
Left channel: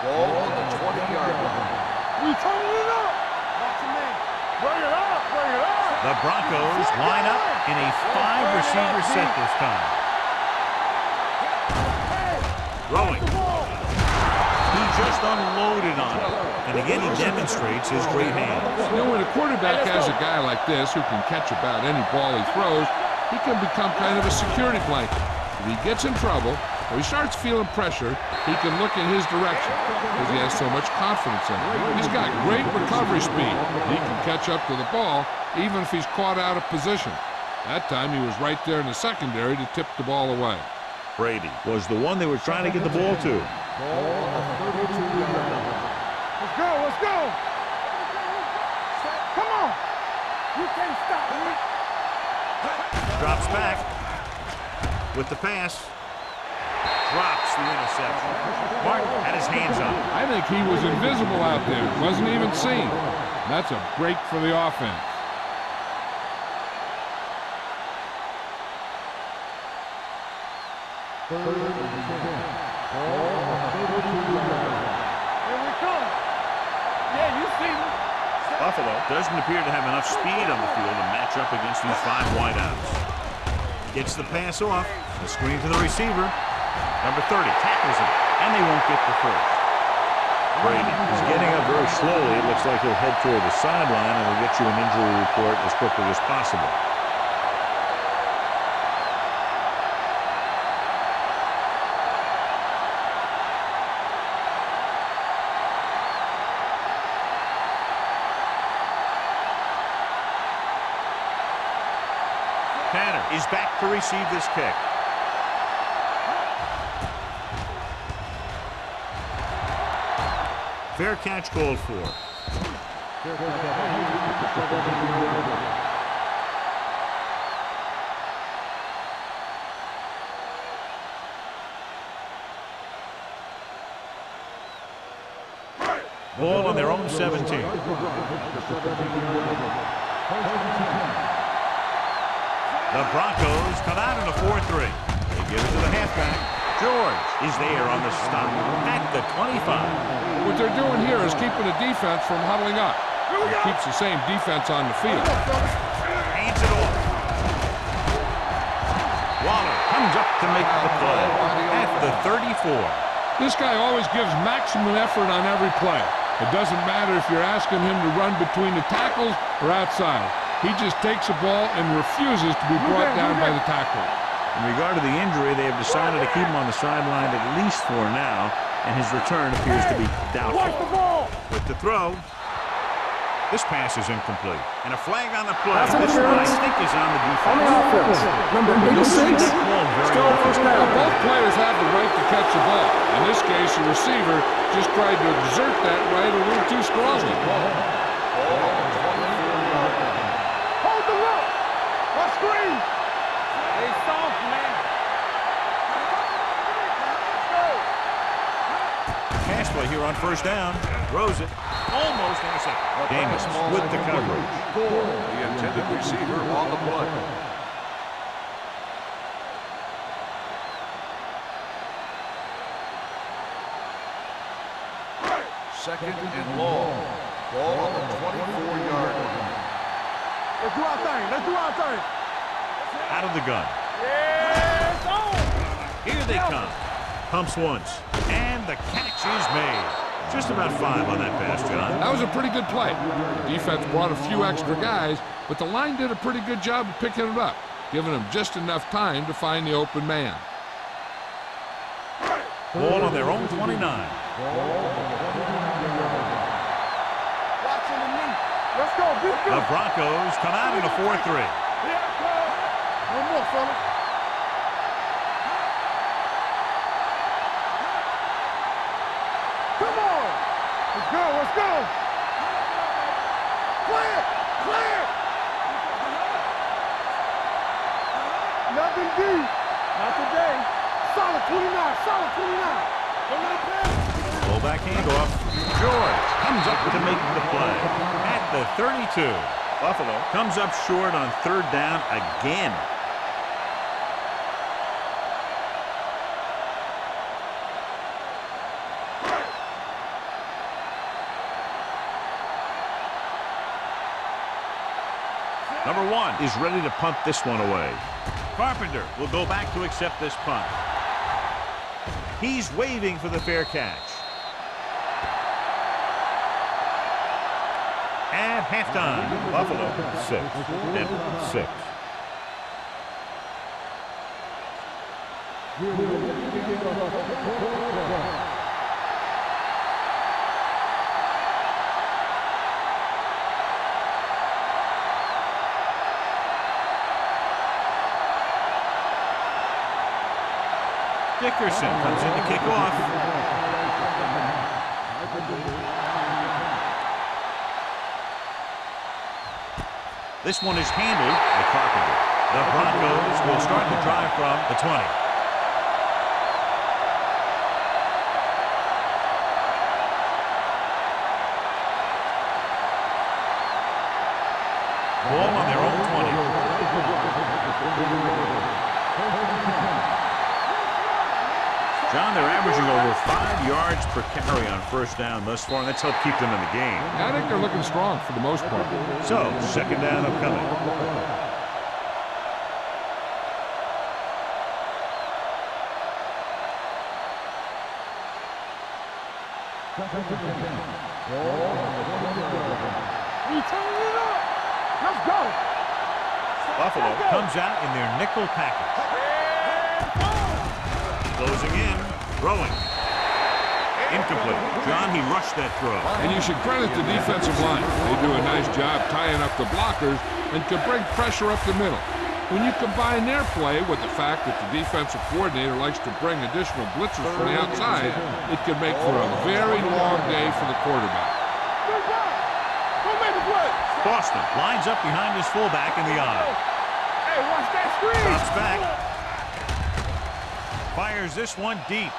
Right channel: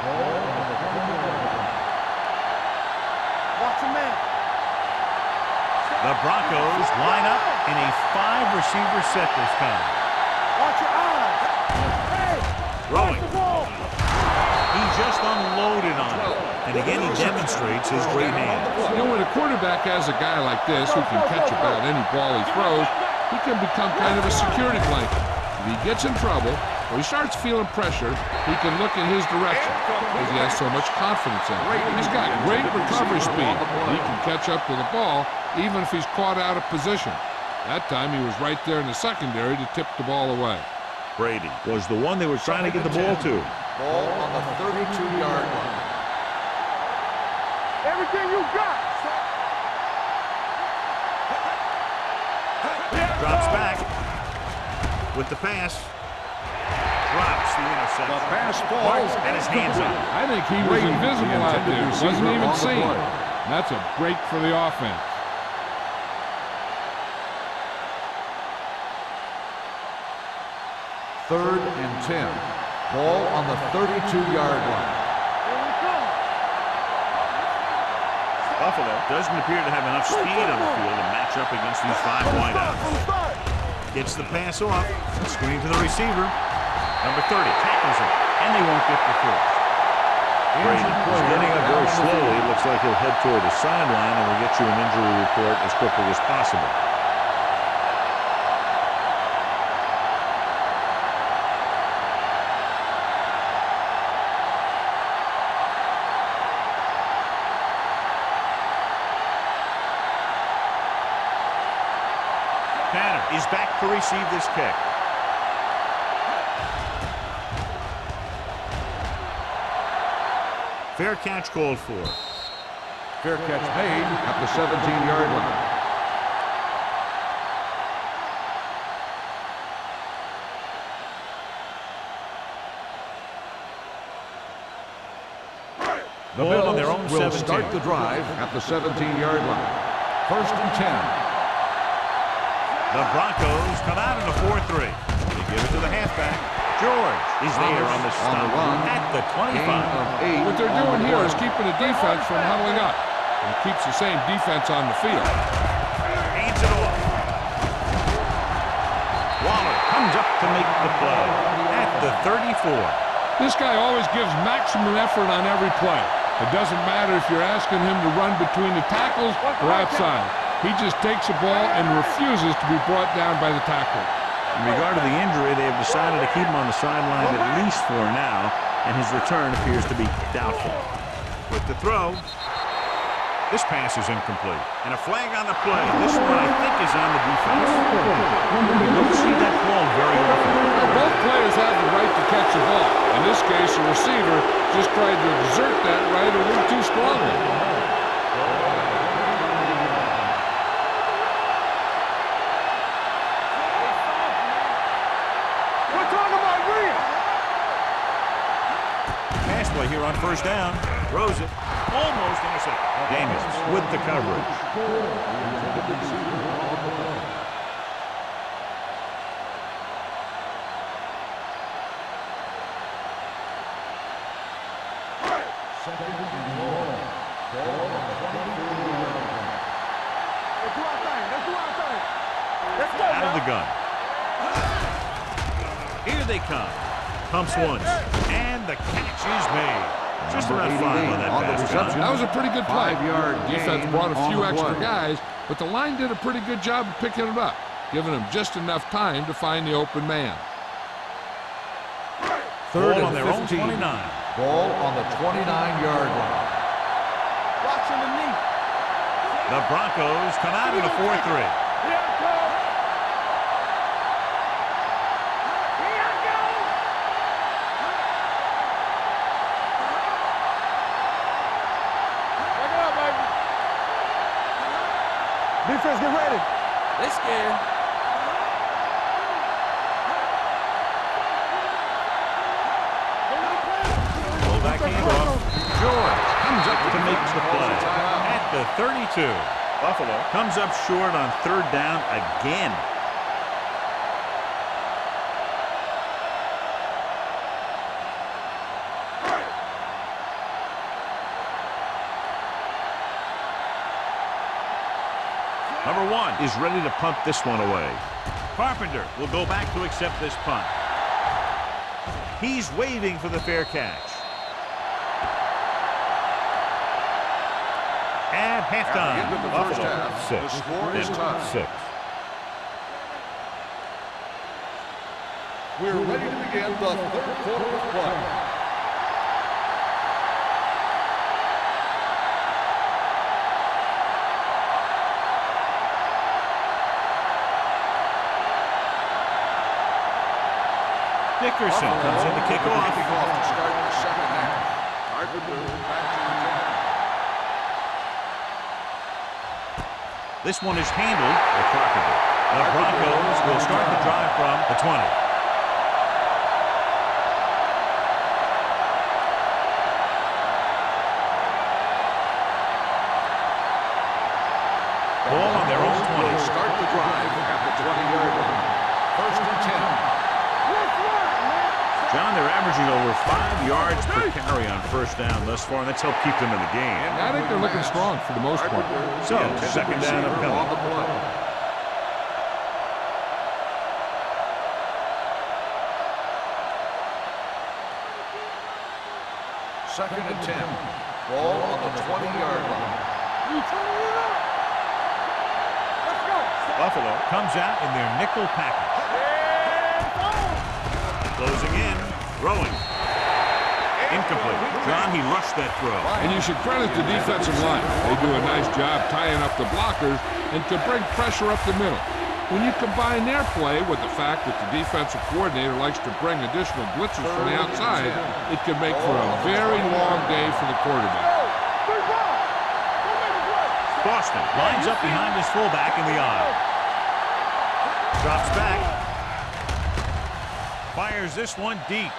Ball on the 20-yard line. You turning it up. Watch a man. Bring it up, bring it up. The Broncos line up in a 5-receiver set this time. Watch your eyes. Hey, Throwing. the ball. He just unloaded on it. And again, he demonstrates his great hands. You know, when a quarterback has a guy like this who can catch about any ball he throws, he can become kind of a security blanket. If he gets in trouble or he starts feeling pressure, he can look in his direction because he has so much confidence in him. He's got great recovery speed. He can catch up to the ball even if he's caught out of position. That time he was right there in the secondary to tip the ball away. Brady was the one they were trying to get the ball to. Ball on the 32-yard line. Let's go, let's go. Everything you got. Come on. You can't stop. Drops back with the pass. Drops the interception. Mark had his hands on it. I think he was invisible out there. Wasn't even seen. That's a break for the offense. Third and 10. Ball on the 32-yard line. Here we come. Yeah, you see me. Buffalo doesn't appear to have enough speed on the field to match up against these 5 wideouts. Gets the pass off. A screen to the receiver. Number 30 tackles him, and they won't get the first. Brady is getting up very slowly. It looks like he'll head toward the sideline, and we'll get you an injury report as quickly as possible. Tanner is back to receive this kick. Fair catch called for. Fair catch made at the 17-yard line. Ball on their own Will 17. start the drive at the 17-yard line. 1st and 10. The Broncos come out in a 4-3. They give it to the halfback. George is there on the stop at the 25. What they're doing here is keeping the defense from huddling up. It keeps the same defense on the field. Hands it off. Waller comes up to make the play at the 34. This guy always gives maximum effort on every play. It doesn't matter if you're asking him to run between the tackles or outside. He just takes the ball and refuses to be brought down by the tackler. In regard to the injury, they have decided to keep him on the sideline at least for now, and his return appears to be doubtful. With the throw, this pass is incomplete. And a flag on the play. This one, I think, is on the defense. You don't see that called very often. Now, both players have the right to catch the ball. In this case, the receiver just tried to exert that right a little too strongly. Play here on 1st down. Throws it. Almost intercepted. Daniels with the coverage. The intended receiver on the play. Second and long. Ball on the 24-yard line. Let's do our thing. Let's do our thing. Let's go. Out of the gun. Here they come. Pumps once. And the catch is made. Just about 5 on that pass, John. That was a pretty good play. The defense brought a few extra guys, but the line did a pretty good job of picking it up, giving them just enough time to find the open man. Ball on their own 29. Ball on the 29-yard line. Watching the knee. Let's go. The Broncos come out in a 4-3. Here it comes. No more, fella. Come on. Let's go. Let's go. Back it up, baby. Play it. Play it. Defense, get ready. They scared. Nothing deep. Not today. Solid 29. Solid 29. Don't let him pass. Fullback handoff. George comes up to make the play at the 32. Buffalo comes up short on 3rd down again. Number 1 is ready to punt this one away. Carpenter will go back to accept this punt. He's waving for the fair catch. At halftime, Buffalo 6-6. We're ready to begin the third quarter of play. Dickerson comes in to kick off. To start the second half. Carpenter back to This one is handled by Carpenter. The Broncos will start the drive from the 20. Ball on their own 20. start the drive at the 20-yard line. 1st and 10. John, they're averaging over 5 yards per carry on 1st down thus far, and that's helped keep them in the game. Yeah, I think they're looking strong for the most part. So, 2nd down upcoming. 2nd and 10. Ball on the 20-yard line. We turning it up. Let's go. Let's go. Buffalo comes out in their nickel package. Closing in, throwing. Incomplete. John, he rushed that throw. And you should credit the defensive line. They do a nice job tying up the blockers and can bring pressure up the middle. When you combine their play with the fact that the defensive coordinator likes to bring additional blitzers from the outside, it can make for a very long day for the quarterback. Don't make the play. Boston lines up behind his fullback in the eye. Drops back. Fires this one deep.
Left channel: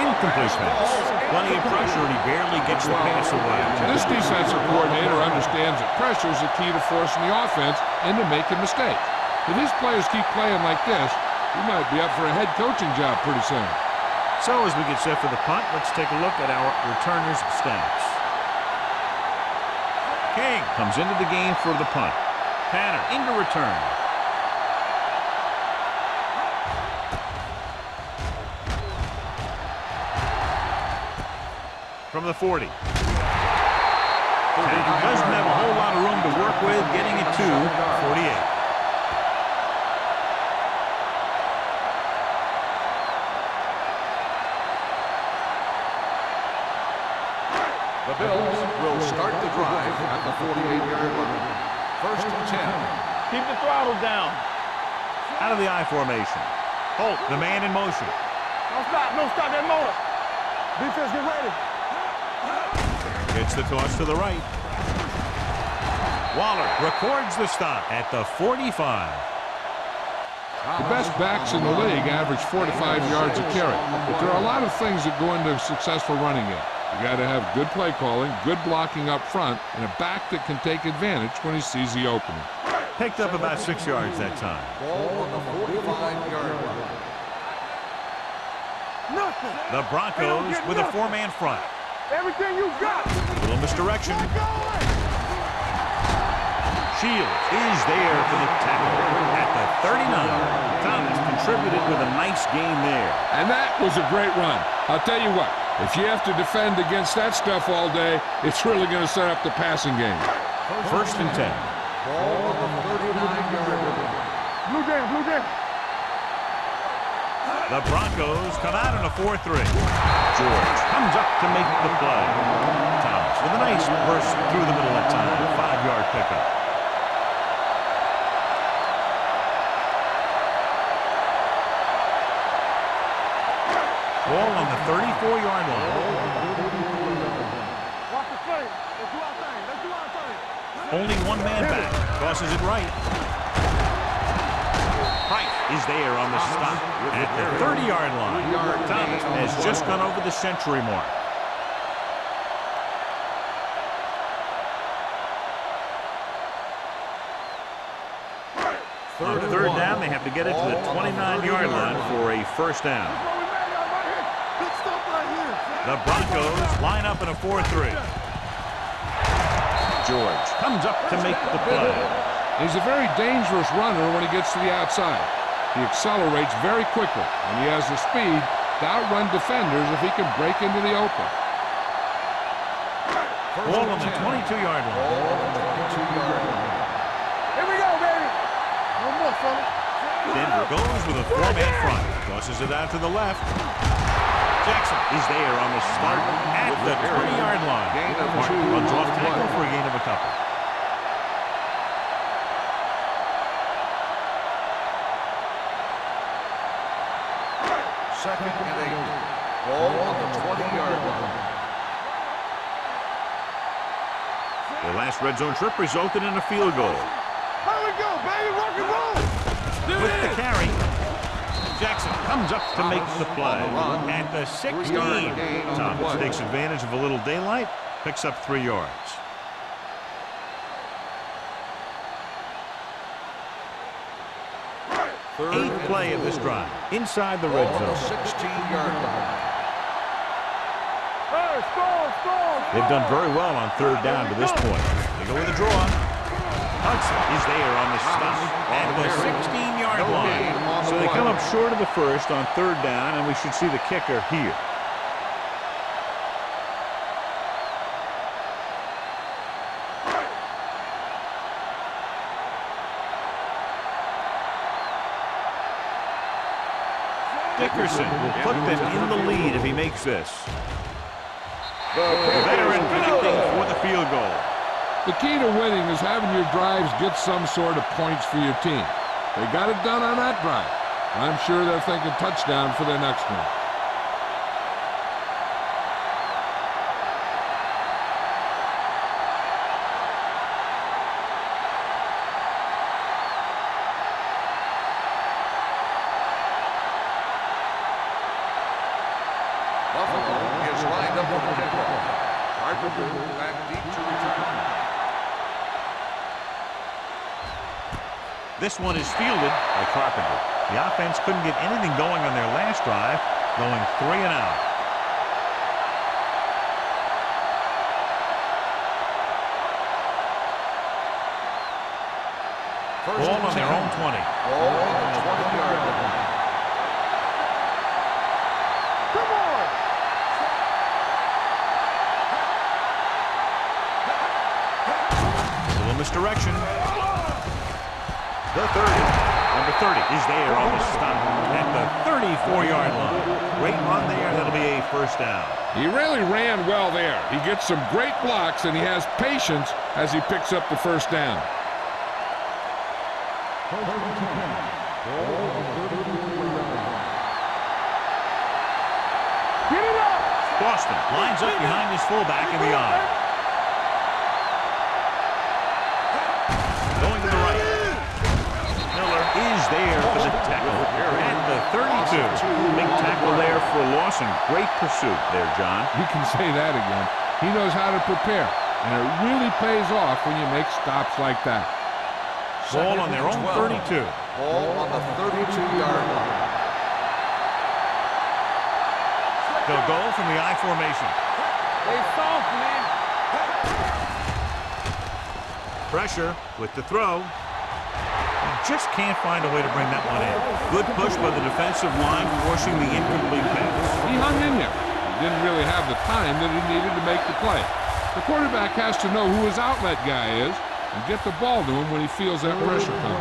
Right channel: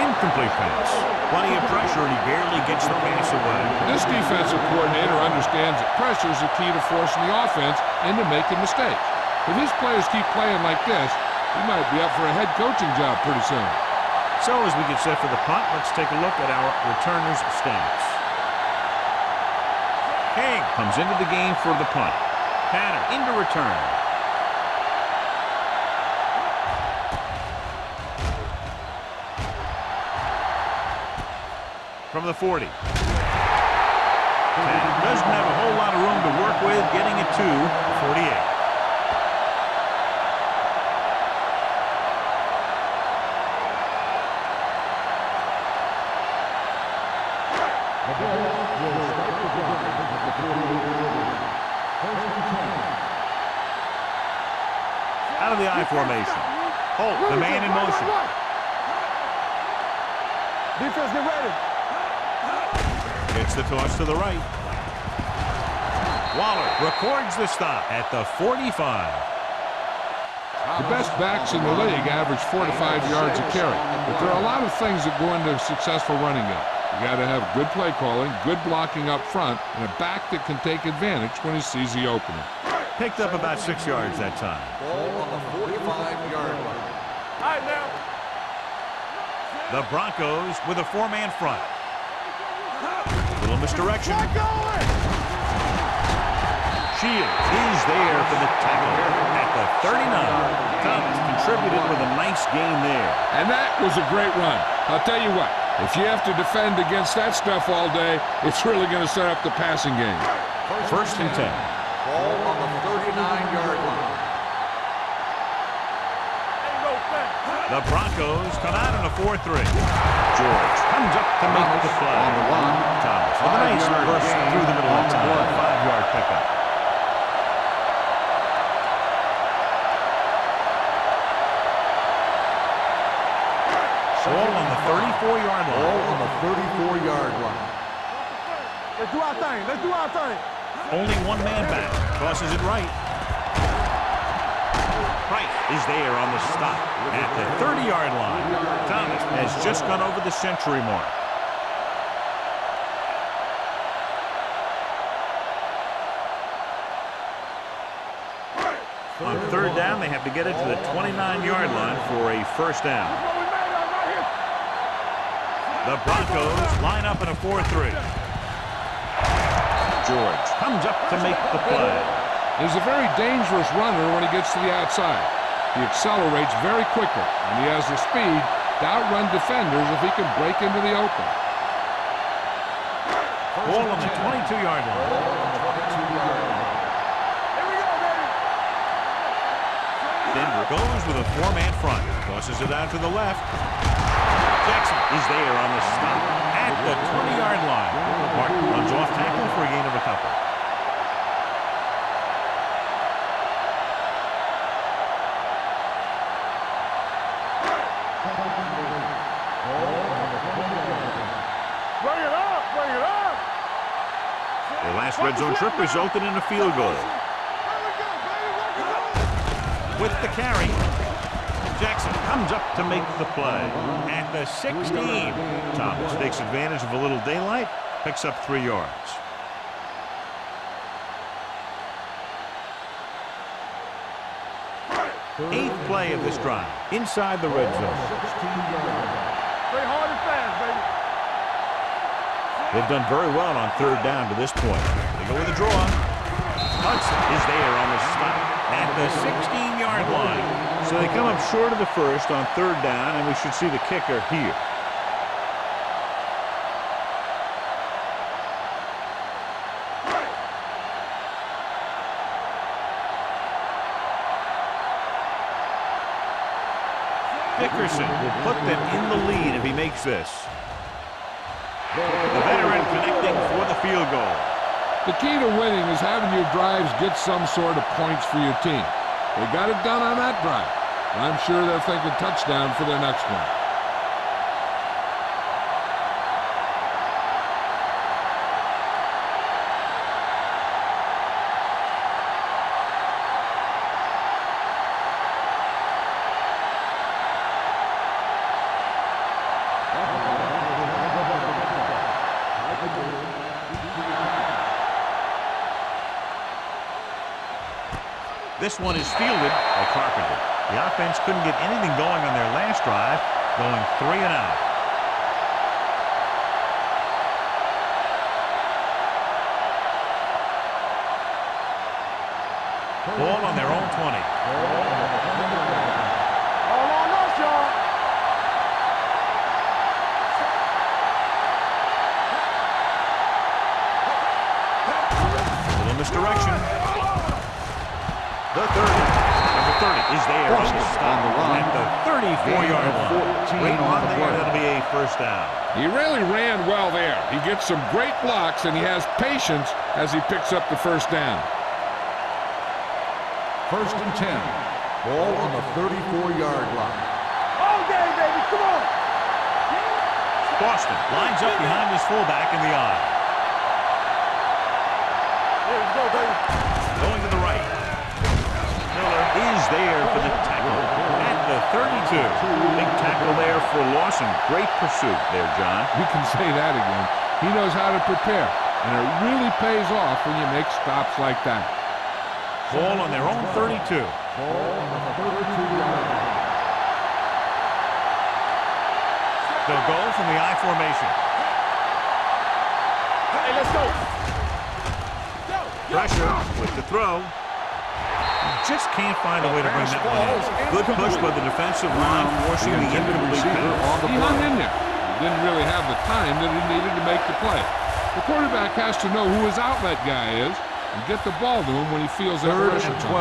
Incomplete pass. Plenty of pressure, and he barely gets the pass away. This defensive coordinator understands that pressure is the key to forcing the offense into making mistakes. If his players keep playing like this, he might be up for a head coaching job pretty soon. So as we get set for the punt, let's take a look at our returners' stats. King comes into the game for the punt. Tanner into return. From the 40. Tanner doesn't have a whole lot of room to work with, getting it to 48. The Bills will start the drive at the 48-yard line. 1st and 10. Keep the throttle down. Out of the I formation. Holt, the man in motion. Don't stop that motor. Defense, get ready. Gets the toss to the right. Waller records the stop at the 45. The best backs in the league average 4 to 5 yards a carry, but there are a lot of things that go into a successful running game. You got to have good play calling, good blocking up front, and a back that can take advantage when he sees the opening. Picked up about 6 yards that time. Ball on the 45-yard line. The Broncos with a 4-man front. Everything you got. Little misdirection. Get going. Shields is there for the tackle at the 39. Thomas contributed with a nice gain there. And that was a great run. I'll tell you what, if you have to defend against that stuff all day, it's really going to set up the passing game. First and 10. Ball on the 39-yard line. Blue game, blue game. The Broncos come out in a 4-3. George comes up to make the play. Thomas with a nice burst through the middle of time. 5-yard pickup. Ball on the 34-yard line. Watch the play. Let's do our thing. Let's do our thing. Only one man back. Tosses it right. Price is there on the stop at the 30-yard line. Thomas has just gone over the century mark. On third down, they have to get it to the 29-yard line for a first down. What we made of right here. The Broncos line up in a 4-3. George comes up to make the play. He's a very dangerous runner when he gets to the outside. He accelerates very quickly, and he has the speed to outrun defenders if he can break into the open. Ball on the 22-yard line. Here we go, baby. Denver goes with a 4-man front. Tosses it out to the left. Jackson is there on the stop at the 20-yard line. Martin runs off tackle for a gain of a couple. Second and 8. Ball on the 20-yard line. Bring it up, bring it up. Their last red zone trip resulted in a field goal. Here we go, baby. Rock and roll. With the carry, Jackson comes up to make the play at the 16. Thomas takes advantage of a little daylight, picks up 3 yards. Eighth play of this drive, inside the red zone. 16-yard line. Stay hard and fast, baby. Hey, score. They've done very well on third down to this point. They go with a draw. Hudson is there on the stop at the 16-yard line. So they come up short of the first on third down, and we should see the kicker here. Dickerson will put them in the lead if he makes this. The veteran connecting for the field goal. The key to winning is having your drives get some sort of points for your team. They got it done on that drive. And I'm sure they're thinking touchdown for their next one. This one is fielded by Carpenter. The offense couldn't get anything going on their last drive, going 3 and out. Ball on their own 20. Little misdirection. The 30. Number 30 is there on the stop at the 34-yard line. Great run there. That'll be a first down. He really ran well there. He gets some great blocks, and he has patience as he picks up the first down. First and 10. Ball on the 34-yard line. All day, baby. Come on. Get it up. Boston lines up behind his fullback in the eye. Going to the right. Miller is there for the tackle at the 32. Big tackle there for Lawson. Great pursuit there, John. You can say that again. He knows how to prepare, and it really pays off when you make stops like that. Ball on their own 32. Ball on the 32-yard line. They'll go from the I formation. Pressure with the throw. Just can't find a way to bring that one in. Good push by the defensive line, forcing the incomplete pass. He hung in there. He didn't really have the time that he needed to make the play. The quarterback has to know who his outlet guy is and get the ball to him when he feels that pressure coming.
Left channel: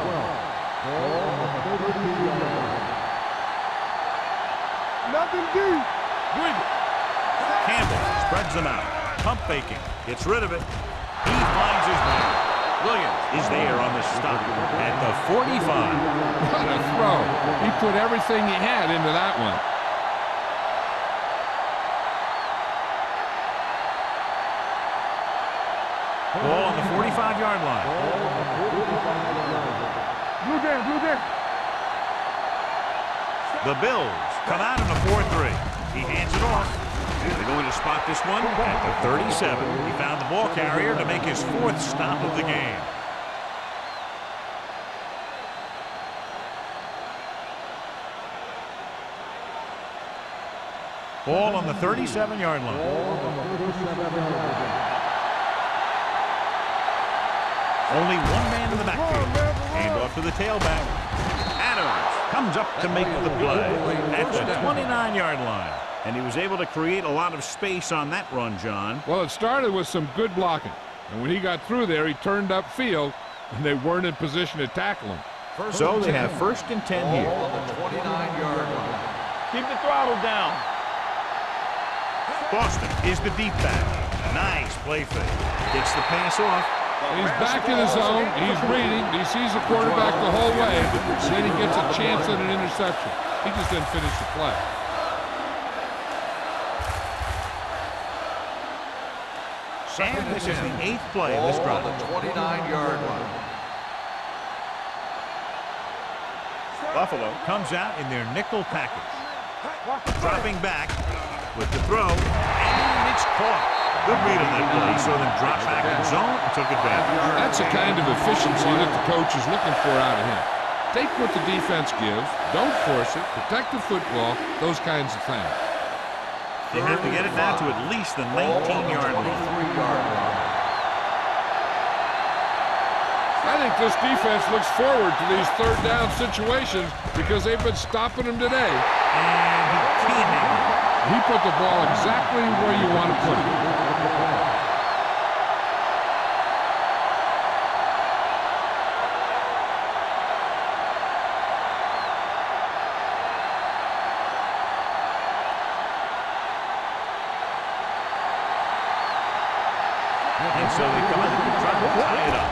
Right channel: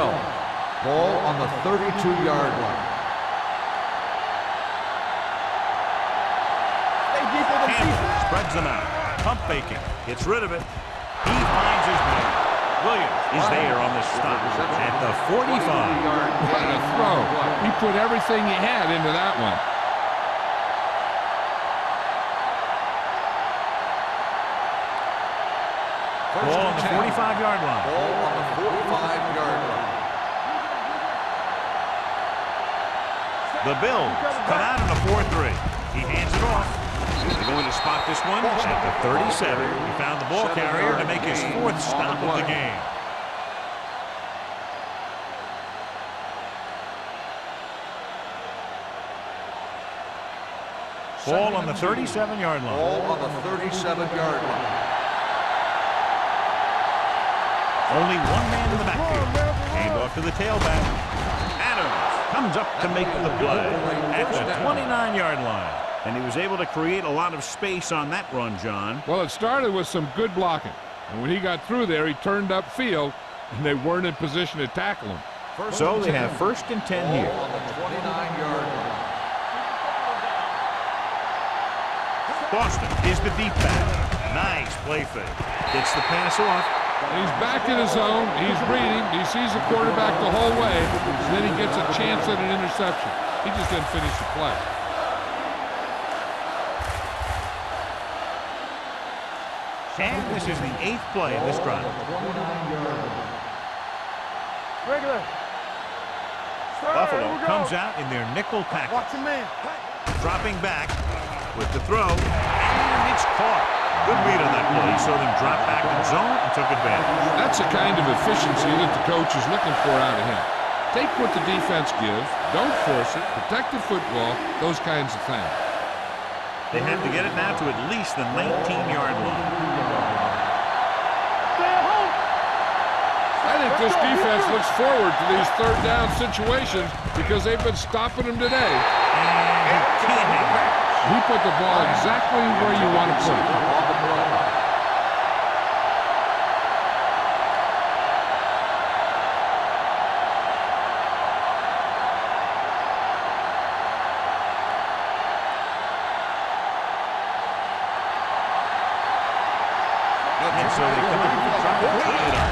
Ball on the 32-yard line. Campbell spreads them out. Pump faking. Gets rid of it. He finds his man. Williams is there on the stop at the 45. What a throw. He put everything he had into that one. Ball on the 45-yard line. Ball on the 45-yard line. The Bills come out in a 4-3. He hands it off. They're going to spot this one at the 37. He found the ball carrier to make his 4th stop of the game. Ball on the 37-yard line. Ball on the 37-yard line. Only one man in the backfield. Hand off to the tailback. Adams comes up to make the play at the 29-yard line. And he was able to create a lot of space on that run, John. Well, it started with some good blocking. And when he got through there, he turned upfield, and they weren't in position to tackle him. So they have 1st and 10 here. Ball on the 29-yard line. Keep the throttle down. Boston is the deep back. Nice play fake. Gets the pass off. And he's back in his zone. He's reading. He sees the quarterback the whole way. And then he gets a chance at an interception. He just didn't finish the play. And this is the 8th play of this drive. 29-yard line. Buffalo comes out in their nickel package. Dropping back with the throw. And it's caught. Good read on that play. He saw them drop back in zone and took advantage. That's the kind of efficiency that the coach is looking for out of him. Take what the defense gives. Don't force it. Protect the football. Those kinds of things. They have to get it now to at least the 19-yard line. I think this defense looks forward to these third down situations because they've been stopping them today. And he can't hang on. He put the ball exactly where you want to put it. And so they come out and try to tie it up.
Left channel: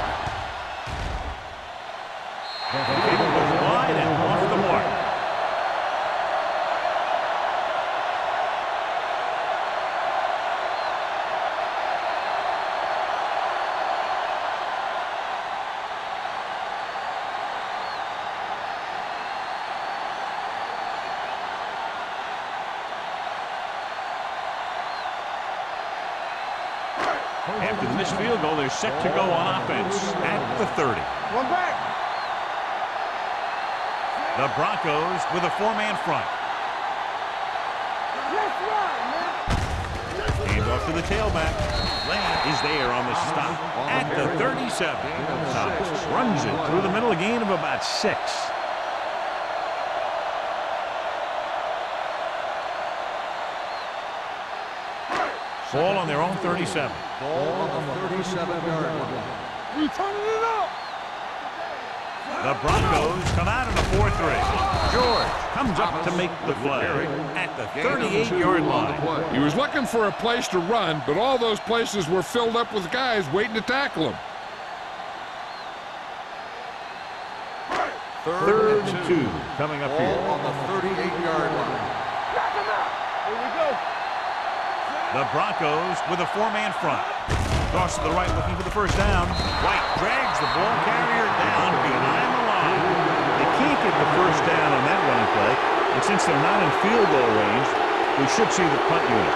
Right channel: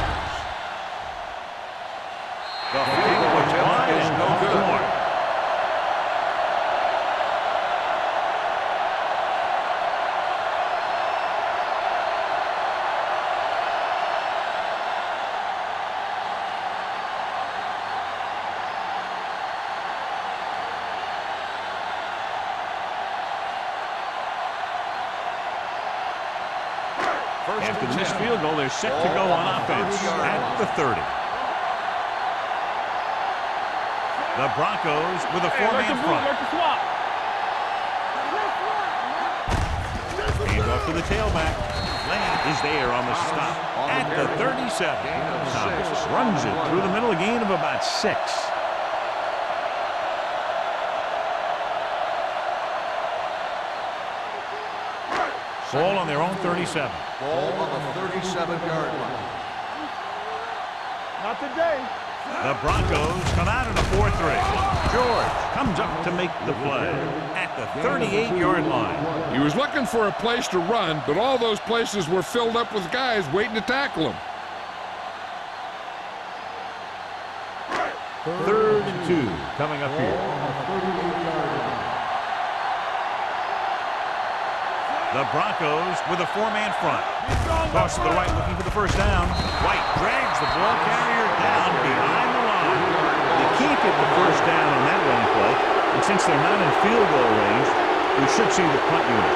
The kick was wide and off the mark. After the missed field goal, they're set to go on offense at the 30. The Broncos with a 4-man front. Hand off to the tailback. Lane is there on the stop at the 37. Thomas runs it through the middle, a gain of about 6. Ball on their own 37. Ball on the 37-yard line. Not today. The Broncos come out in a 4-3. George comes up to make the play at the 38-yard line. He was looking for a place to run, but all those places were filled up with guys waiting to tackle him. 3rd and 2 coming up here. On the 38-yard line. The Broncos with a 4-man front. Toss to the right looking for the first down. White drags the ball carrier down behind the line. They can't get the first down on that running play, and since they're not in field goal range, we should see the punt unit.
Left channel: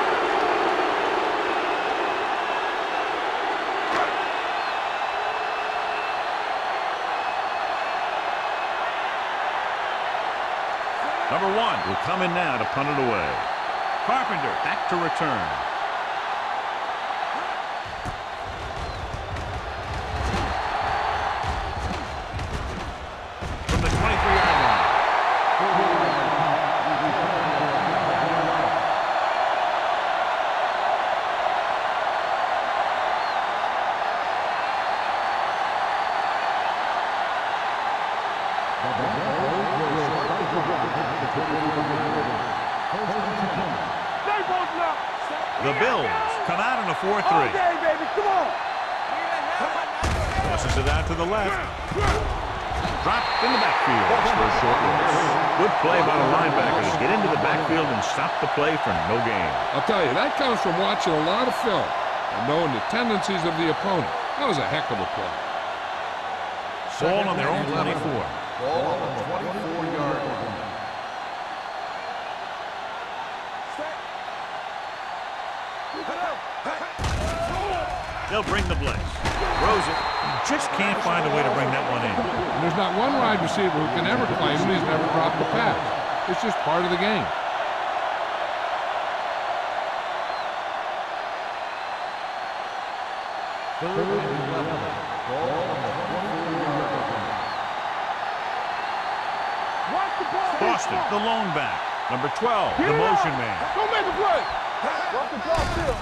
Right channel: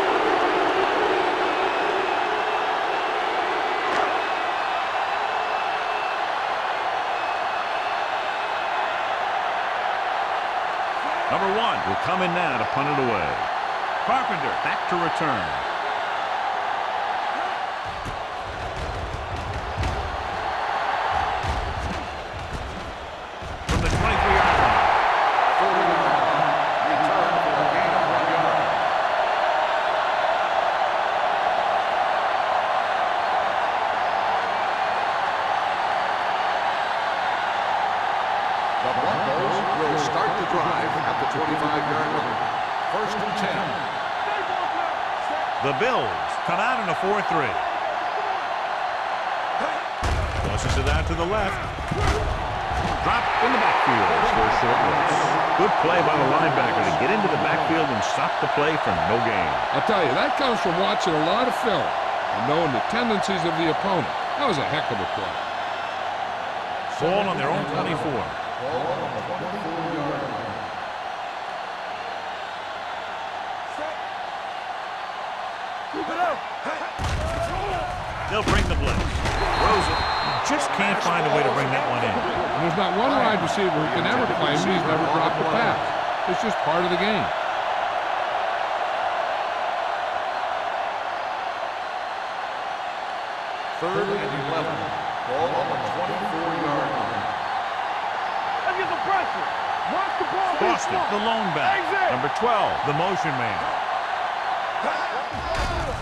Number 1 will come in now to punt it away. Carpenter back to return. The Broncos will start the drive at the 25-yard line. First and 10. Stay both now. The Bills come out in a 4-3. Tosses it out to the left. Drop in the backfield for a short loss. Good play by the linebacker to get into the backfield and stop the play for no gain. I'll tell you, that comes from watching a lot of film and knowing the tendencies of the opponent. That was a heck of a play. Ball on their own 24. Ball on the 24-yard line. They'll bring the blitz. Throws it. He just can't find a way to bring that one in. And there's not one wide receiver who can ever claim that he's never dropped a pass. It's just part of the game. Third and 11. Ball on the 24-yard line. Watch the ball. Boston, the lone back. Number 12, the motion man. Don't make a play. Watch the ball field.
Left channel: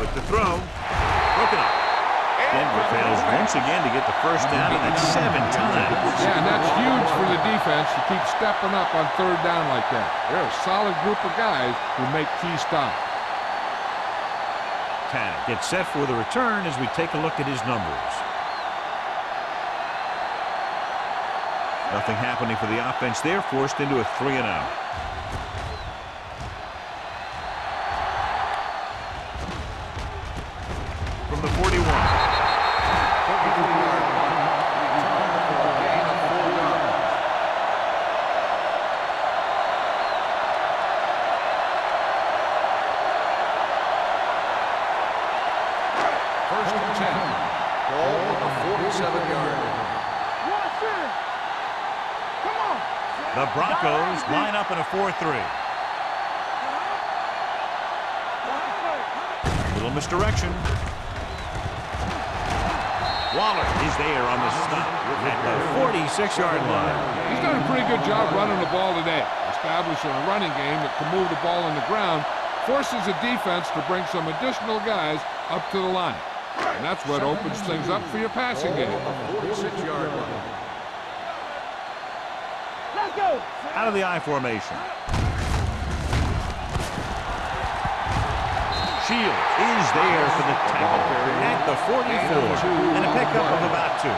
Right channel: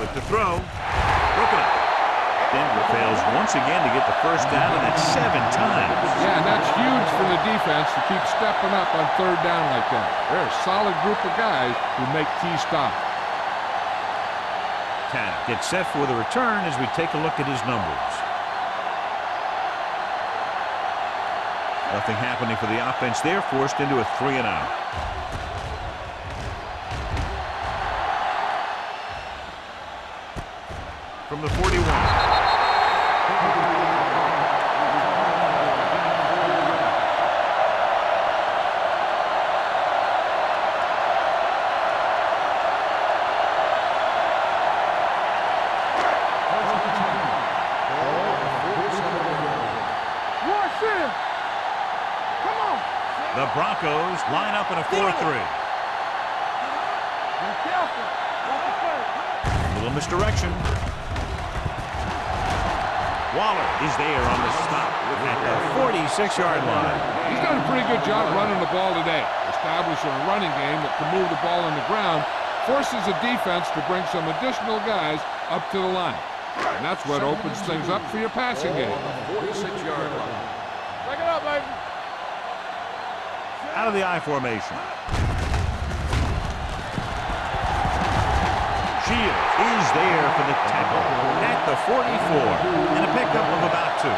With the throw, broken up. Denver fails once again to get the first down, and that's 7 times. Yeah, and that's huge for the defense to keep stepping up on third down like that. They're a solid group of guys who make key stops. Tanner gets set for the return as we take a look at his numbers. Nothing happening for the offense there, forced into a 3-and-out. From the 41. 33-yard punt. Return for a gain of 4 yards. First and 10. Ball on the 47-yard line. Watch it. Come on. The Broncos line up in a 4-3. A little misdirection. Waller is there on the stop at the 46-yard line. He's done a pretty good job running the ball today, establishing a running game that can move the ball on the ground, forces the defense to bring some additional guys up to the line. And that's what opens things up for your passing game. On the 46-yard line. Out of the I formation. Shields is there for the tackle at the 44 and a pickup of about 2.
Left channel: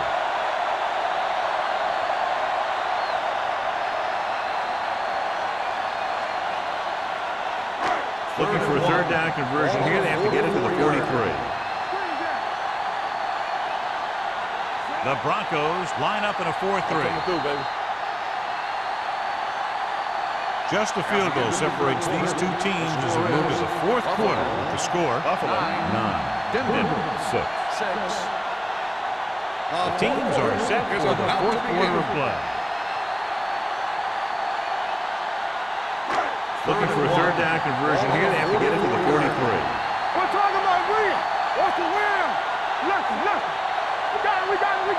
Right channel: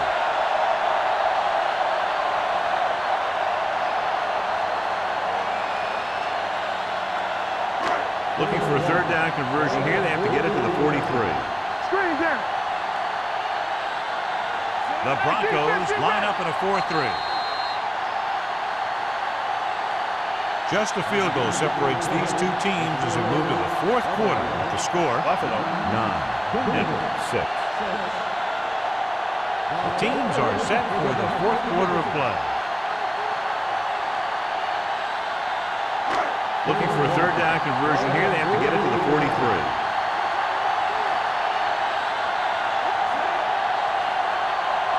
Looking for a third down conversion here. They have to get it to the 43. Screen down. The Broncos line up in a 4-3. Just a field goal separates these two teams as we move to the fourth quarter with the score. Buffalo 9, Denver 6. The teams are set for the fourth quarter of play. Looking for a third down conversion here. They have to get it to the 43. We're talking about win. What's the win? Let's go. We got it.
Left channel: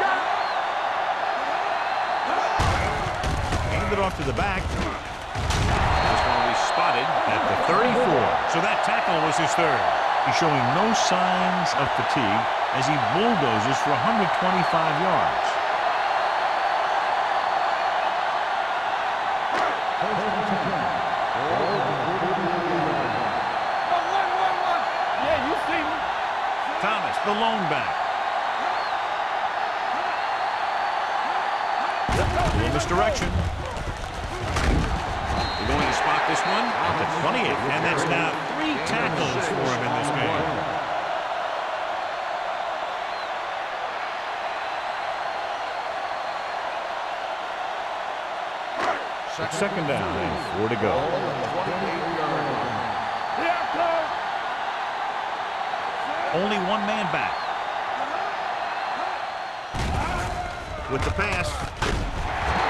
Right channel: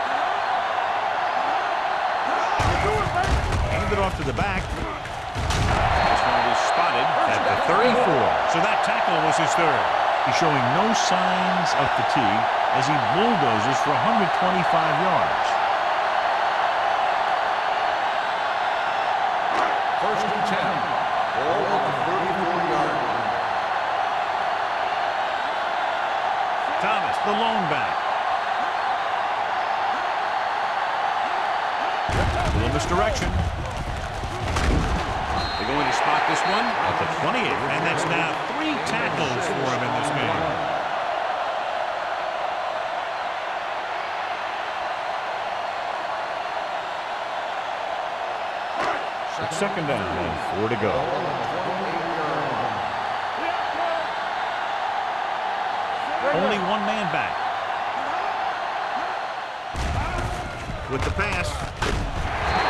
Hand it off to the back. This one will be spotted at the 34. So that tackle was his third. He's showing no signs of fatigue as he bulldozes for 125 yards. First and 10. Ball on the 34-yard line. Thomas, the lone back. A little misdirection. They're going to spot this one at the 28, and that's now 3 tackles for him in this game. It's second down and 4 to go. Ball on the 28-yard line. Only one man back. With the pass,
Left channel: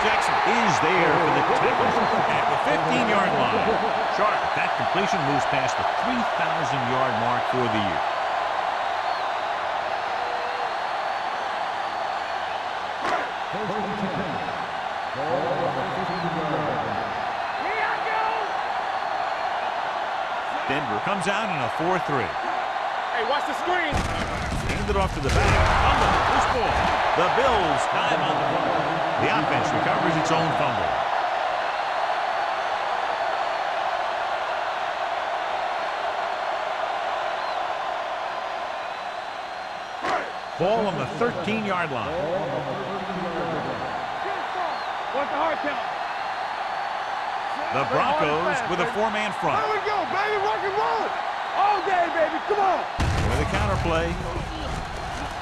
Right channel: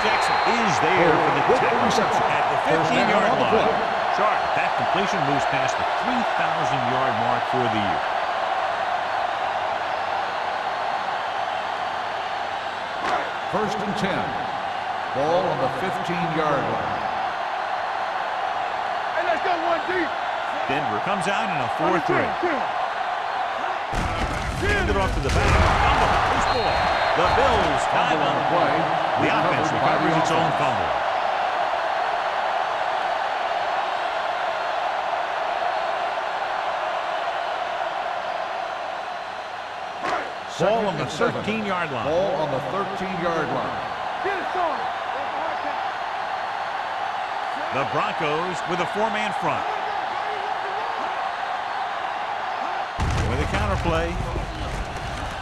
Jackson is there for the tackle at the 15-yard line. Sharp. That completion moves past the 3,000-yard mark for the year. First and 10. Ball on the 15-yard line. Hey, let's go one deep. Denver comes out in a 4-3. Hey, watch the screen. Hand it off to the back. Fumble. Loose ball. The Bills dive on the play. The offense recovers its own fumble. Ball on the 13-yard line. Ball on the 13-yard line. Get it, son. What's the hard count? The Broncos with a four-man front. There we go, baby. Rock and roll it. All day, baby. Come on. With a counter play.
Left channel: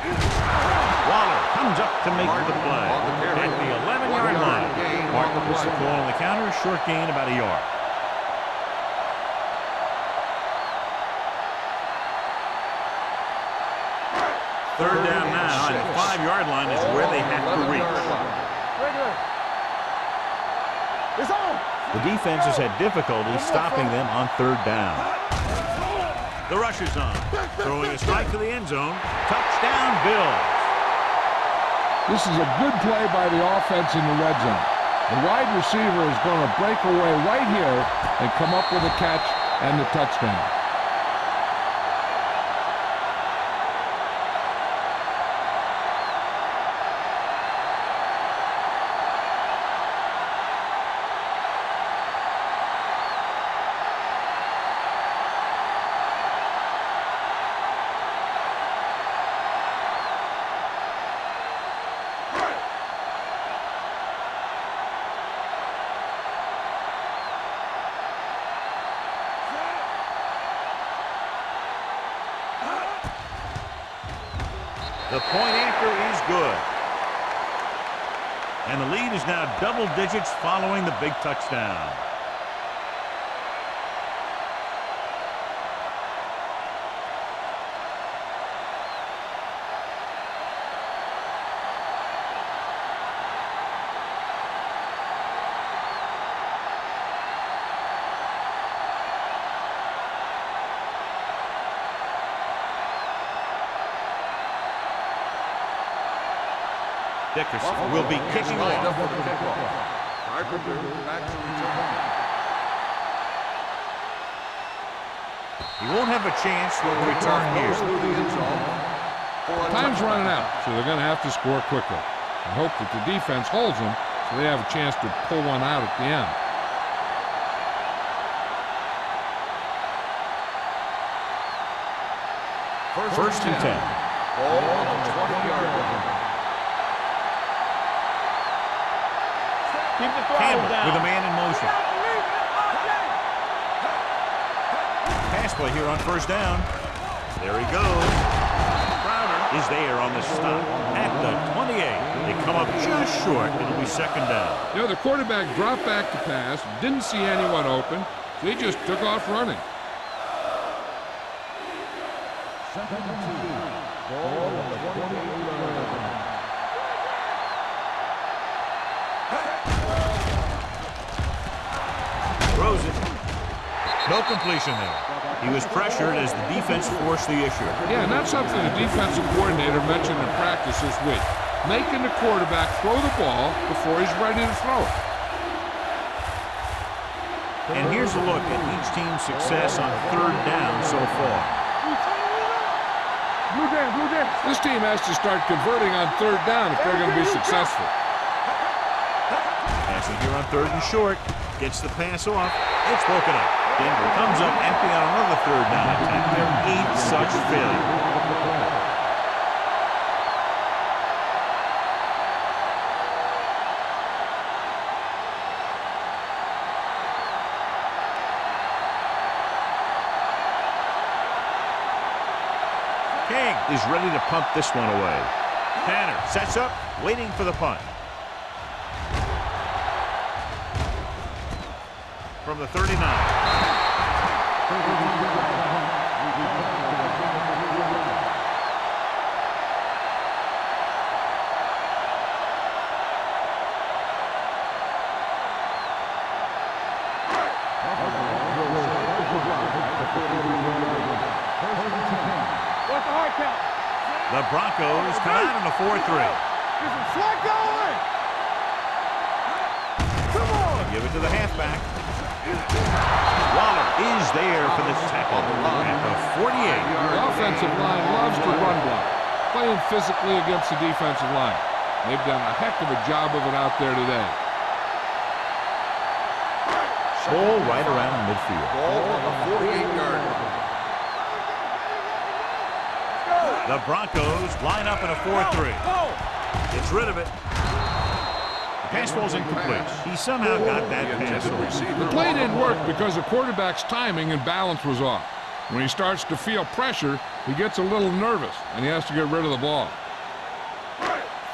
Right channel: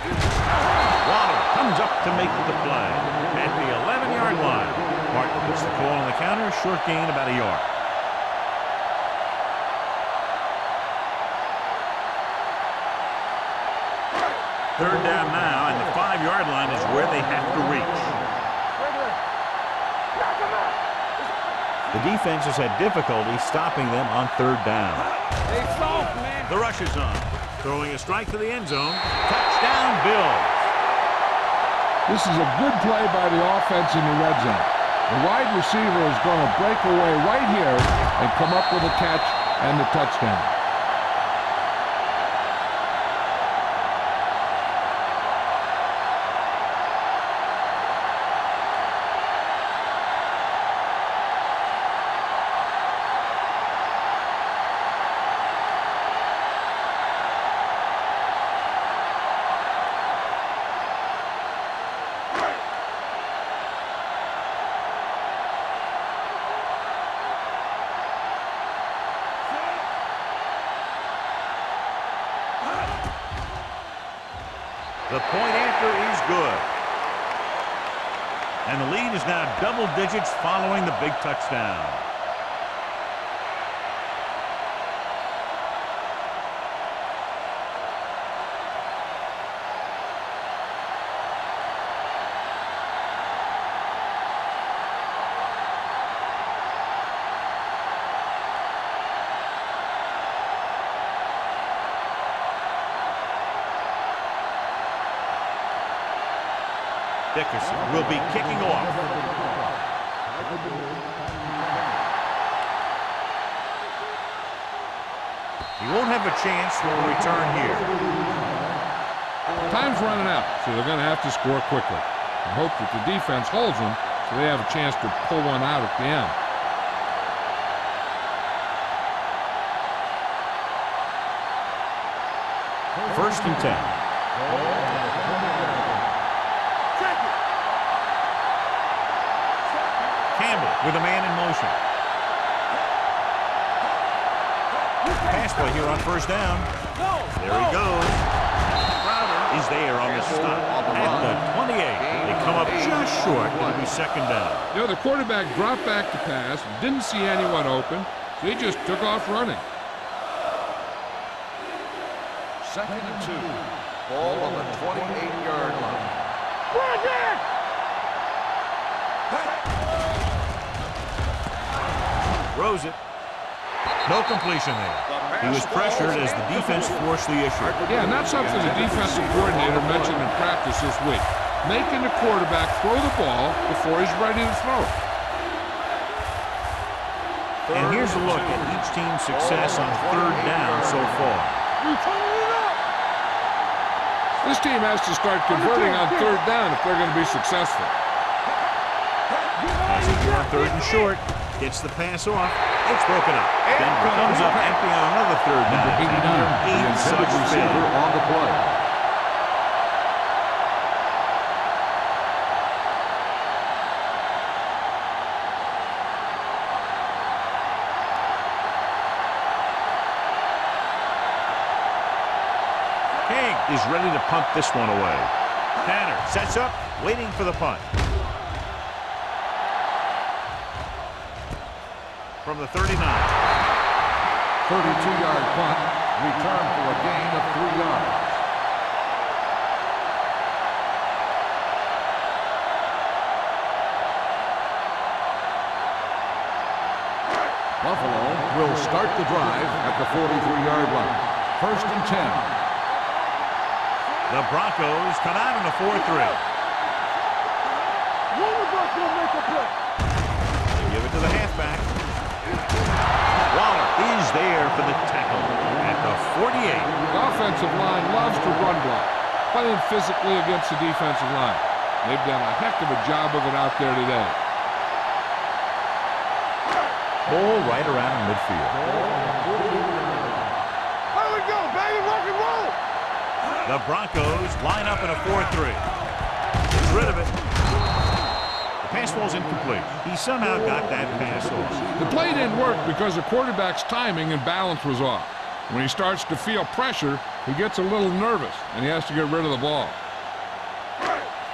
Waller comes up to make the play at the 11-yard line. Martin gets the call on the counter. Short gain, about a yard. Third down now, and the 5-yard line is where they have to reach. The defense has had difficulty stopping them on third down. The rush is on. Throwing a strike to the end zone. Touchdown, Bills. This is a good play by the offense in the red zone. The wide receiver is going to break away right here and come up with a catch and the touchdown. The point after is good. And the lead is now double digits following the big touchdown. Dickerson will be kicking off. He won't have a chance for a return here. Time's running out, so they're going to have to score quickly. I hope that the defense holds them so they have a chance to pull one out at the end. First and 10. Campbell with a man in motion. Pass play here on first down. There he goes. Crowder is there on the stop at the 28. They come up just short. It'll be second down. You know, the quarterback dropped back to pass, didn't see anyone open, so he just took off running. Second and 2. Ball on the 28-yard line. Throws it. No completion there. He was pressured as the defense forced the issue. Yeah, and that's something the defensive coordinator mentioned in practice this week. Making the quarterback throw the ball before he's ready to throw it. And here's a look at each team's success on third down so far. This team has to start converting on third down if they're going to be successful. Passing here on third and short. Gets the pass off. It's broken up. Denver comes up empty on another third down attempt. Their 8th such failure. King is ready to punt this one away. Tanner sets up, waiting for the punt. From the 39. 32-yard punt, return for a gain of 3 yards. Buffalo will start the drive at the 43-yard line. First and 10. The Broncos come out in a 4-3. They give it to the halfback. Waller is there for the tackle at the 48. The offensive line loves to run block. playing physically against the defensive line. They've done a heck of a job of it out there today. Ball right around midfield. Ball on the 48-yard line. There we go, baby. Rock and roll. The Broncos line up in a 4-3. Gets rid of it. The pass falls incomplete. He somehow got that pass off. The play didn't work because the quarterback's timing and balance was off. When he starts to feel pressure, he gets a little nervous, and he has to get rid of the ball.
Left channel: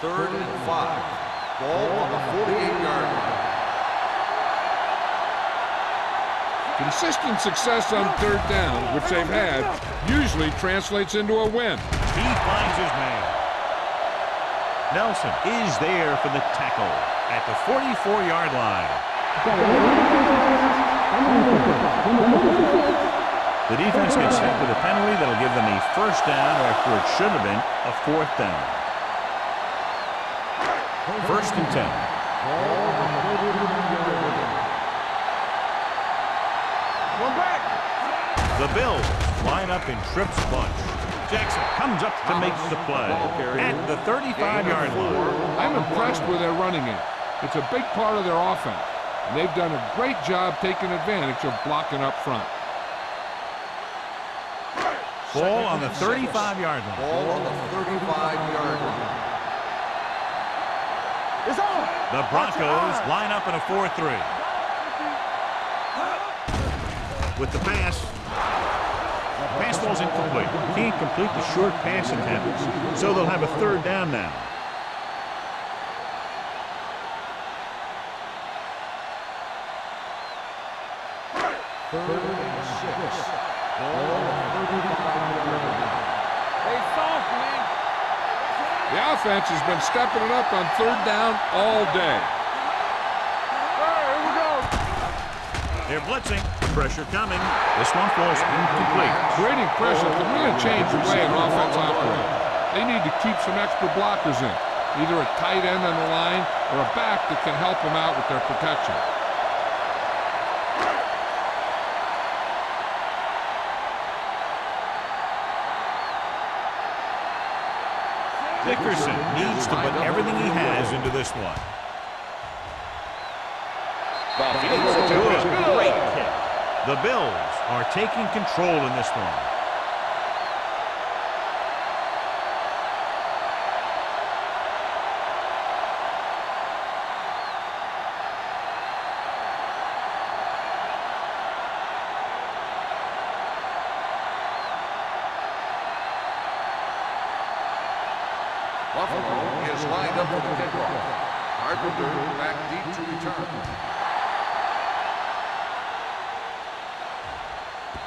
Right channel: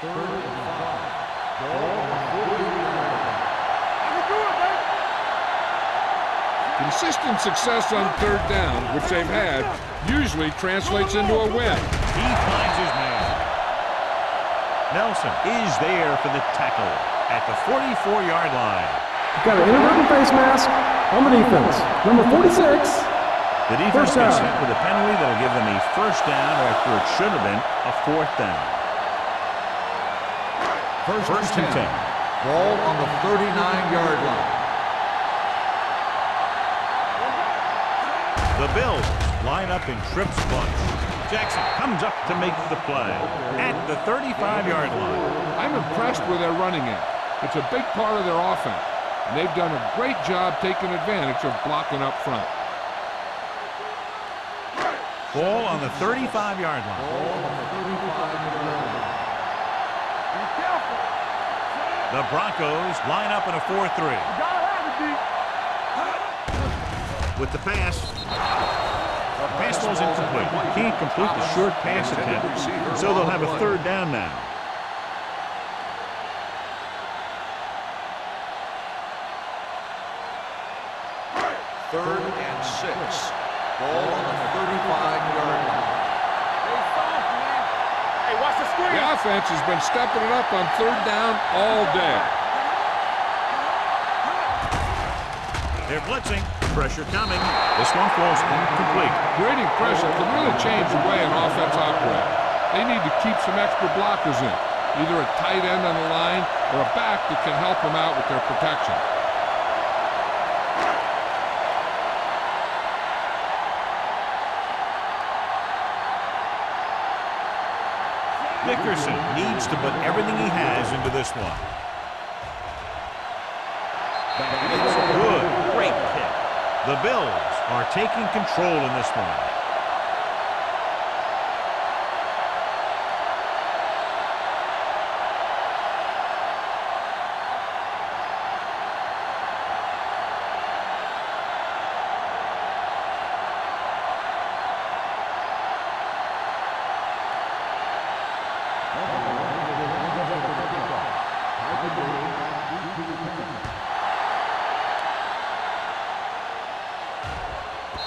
3rd and 5. Ball on the 48-yard line. Consistent success on 3rd down, which they've had, usually translates into a win. He finds his man. Nelson is there for the tackle at the 44-yard line. Got an inadvertent face mask on the defense. Number 46. The defense gets hit with a penalty that'll give them a 1st down after it should have been a 4th down. 1st and 10. Ball on the 39-yard line. One back. The Bills line up in Tripp's bunch. Jackson comes up to make the play at the 35-yard line. I'm impressed with their running game. It's a big part of their offense, and they've done a great job taking advantage of blocking up front. Ball on the 35-yard line. Ball on the 35-yard line. Be careful. It's on. The Broncos line up in a 4-3. You gotta have it, D. With the pass. The pass ball's incomplete. Can't complete the short pass attempt, so they'll have a 3rd down now. Third and 6. Ball on the 35-yard line. They soft, man. Hey, watch the screen. The offense has been stepping it up on 3rd down all day. They're blitzing. Pressure coming. This one falls incomplete. Creating pressure can really change the way an offense operates. They need to keep some extra blockers in, either a tight end on the line or a back that can help them out with their protection. Dickerson needs to put everything he has into this one. It's good. Great kick. The Bills are taking control in this one. Buffalo is lined up with the kickoff. Carpenter back deep to return.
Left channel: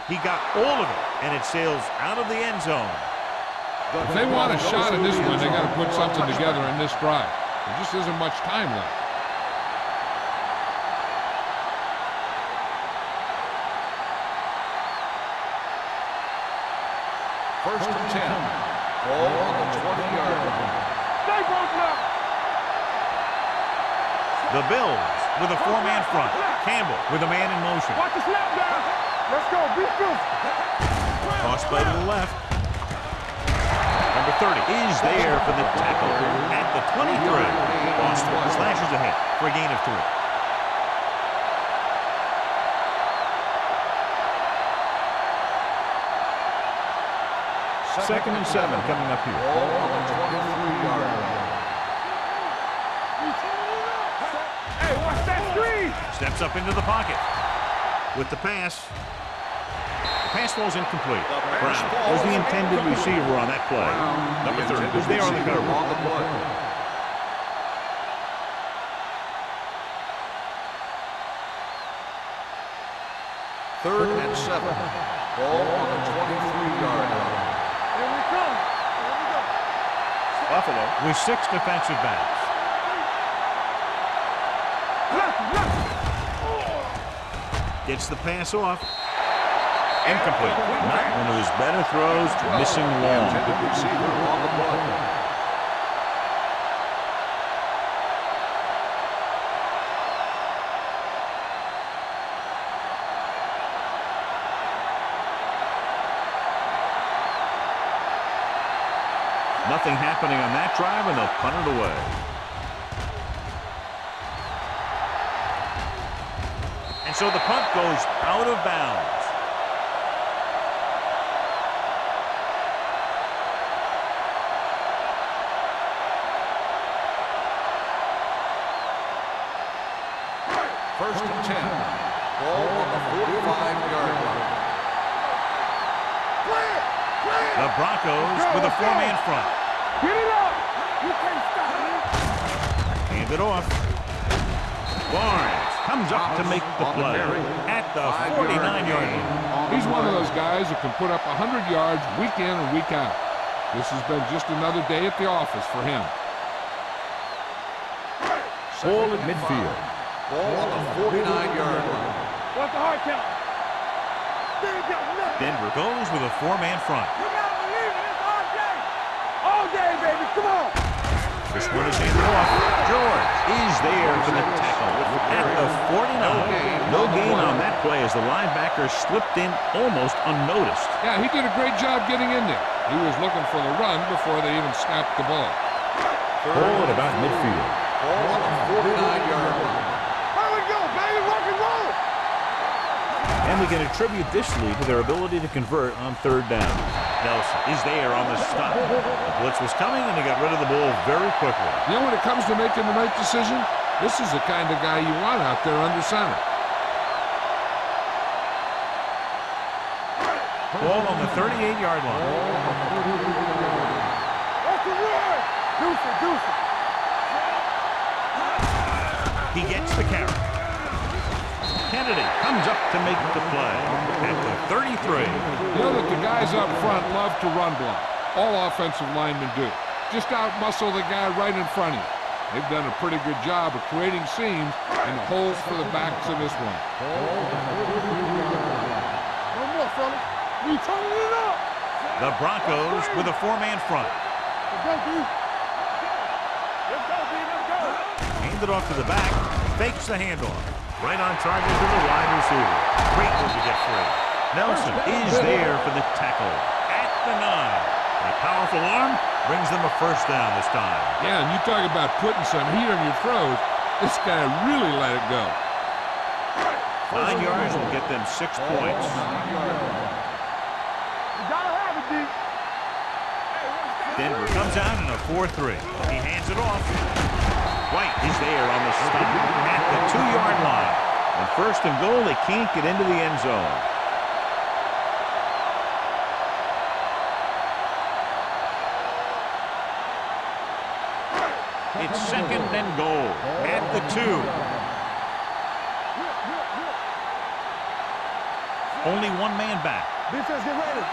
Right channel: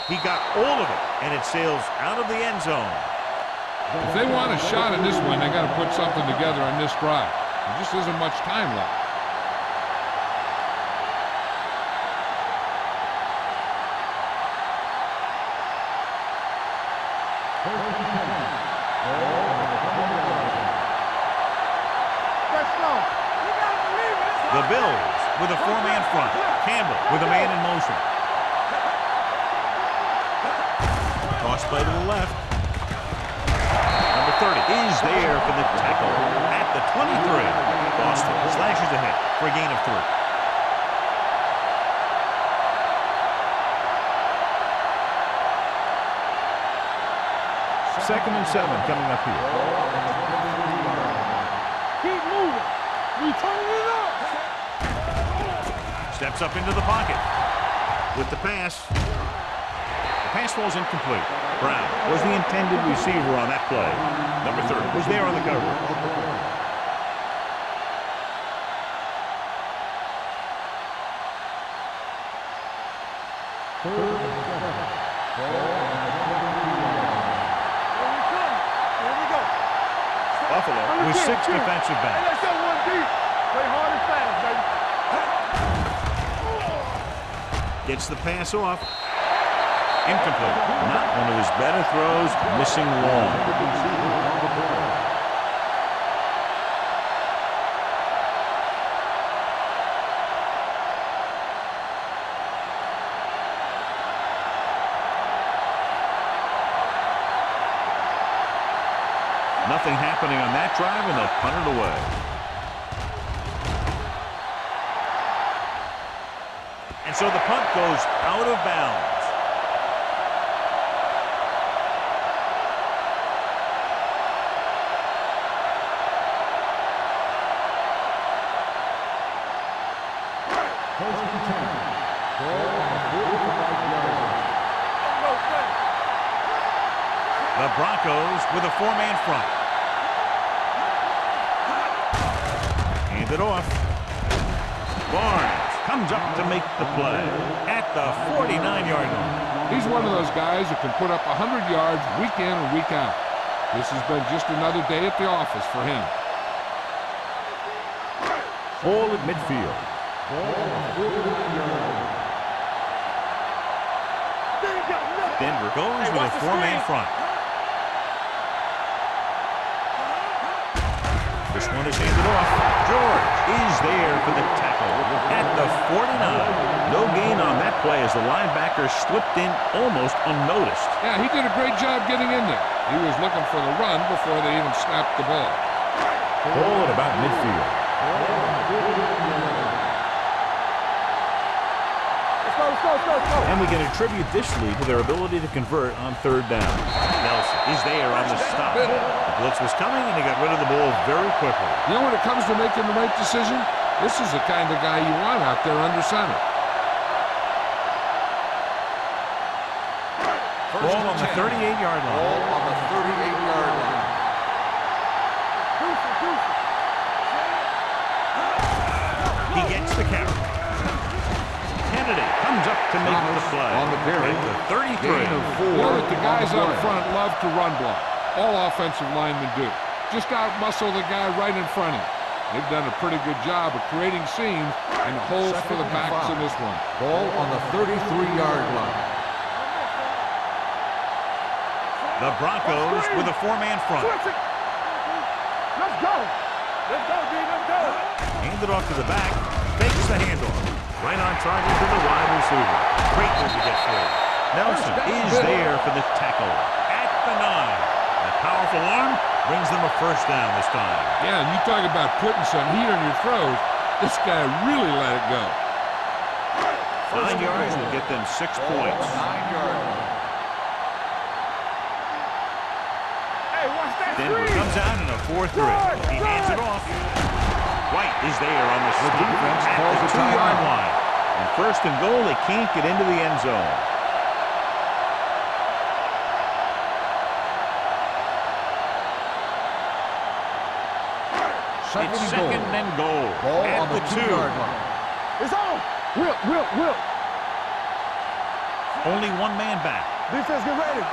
He got all of it, and it sails out of the end zone. If they want a shot in this one, they got to put something together in this drive. There just isn't much time left. First and 10. Ball on the 20-yard line. Stay back now. Let's go. We gotta believe it. The Bills with a 4-man front. Campbell with a man in motion. Watch the snap down. Let's go. Be good. Toss play to the left. Number 30 is there for the tackle at the 23. Boston slashes ahead for a gain of 3. Second and 7 coming up here. Ball on the 23-yard line. Keep moving. We turning it up. Hey, watch that screen. Steps up into the pocket. With the pass. The pass falls incomplete. Brown was the intended receiver on that play. Number 30 was there on the cover. On the play. Third and 7. Ball on the 23-yard line. Here we come. Here we go. Buffalo with 6 defensive backs. Play hard and fast, baby. Gets the pass off. Incomplete. Not one of his better throws. Missing long. Nothing happening on that drive, and they'll punt it away. And so the punt goes out of bounds. First and 10. Ball on the 45-yard line. The Broncos with a four-man front. Hand it off. Barnes comes up to make the play at the 49-yard line. He's one of those guys who can put up 100 yards week in and week out. This has been just another day at the office for him. Ball at midfield. Ball on the 49-yard line. Denver goes with a four-man front. This one is handed off. George is there for the tackle at the 49. No gain on that play as the linebacker slipped in almost unnoticed. Yeah, he did a great job getting in there. He was looking for the run before they even snapped the ball. Ball at about midfield. Ball on the 49-yard line. And we can attribute this lead to their ability to convert on third down. Nelson is there on the stop. The blitz was coming, and he got rid of the ball very quickly. You know, when it comes to making the right decision, this is the kind of guy you want out there under center. Ball on the 38-yard line. Ball on the 38-yard line. He gets the carry. Kennedy comes up to make the play at the 33. You know that the guys up front love to run block. All offensive linemen do. Just out-muscle the guy right in front of you. They've done a pretty good job of creating seams and holes for the backs in this one. Ball on the 33-yard line. No more, fellas. We turning it up. The Broncos with a four-man front. Let's go. Let's go, D. Let's go. Handed off to the back. Fakes the handoff. Right on target to the wide receiver. Great move to get free. Nelson is there for the tackle at the 9. That powerful arm brings them a first down this time. Yeah, and you talk about putting some heat on your throws. This guy really let it go. 9 yards will get them 6 points. 9-yard line. Hey, watch that. Denver comes out in a 4-3. He hands it off. White is there on the stop at the 2-yard line. And first and goal, they can't get into the end zone. It's second and goal at the 2. It's on. Will. Only one man back. Defense, get ready.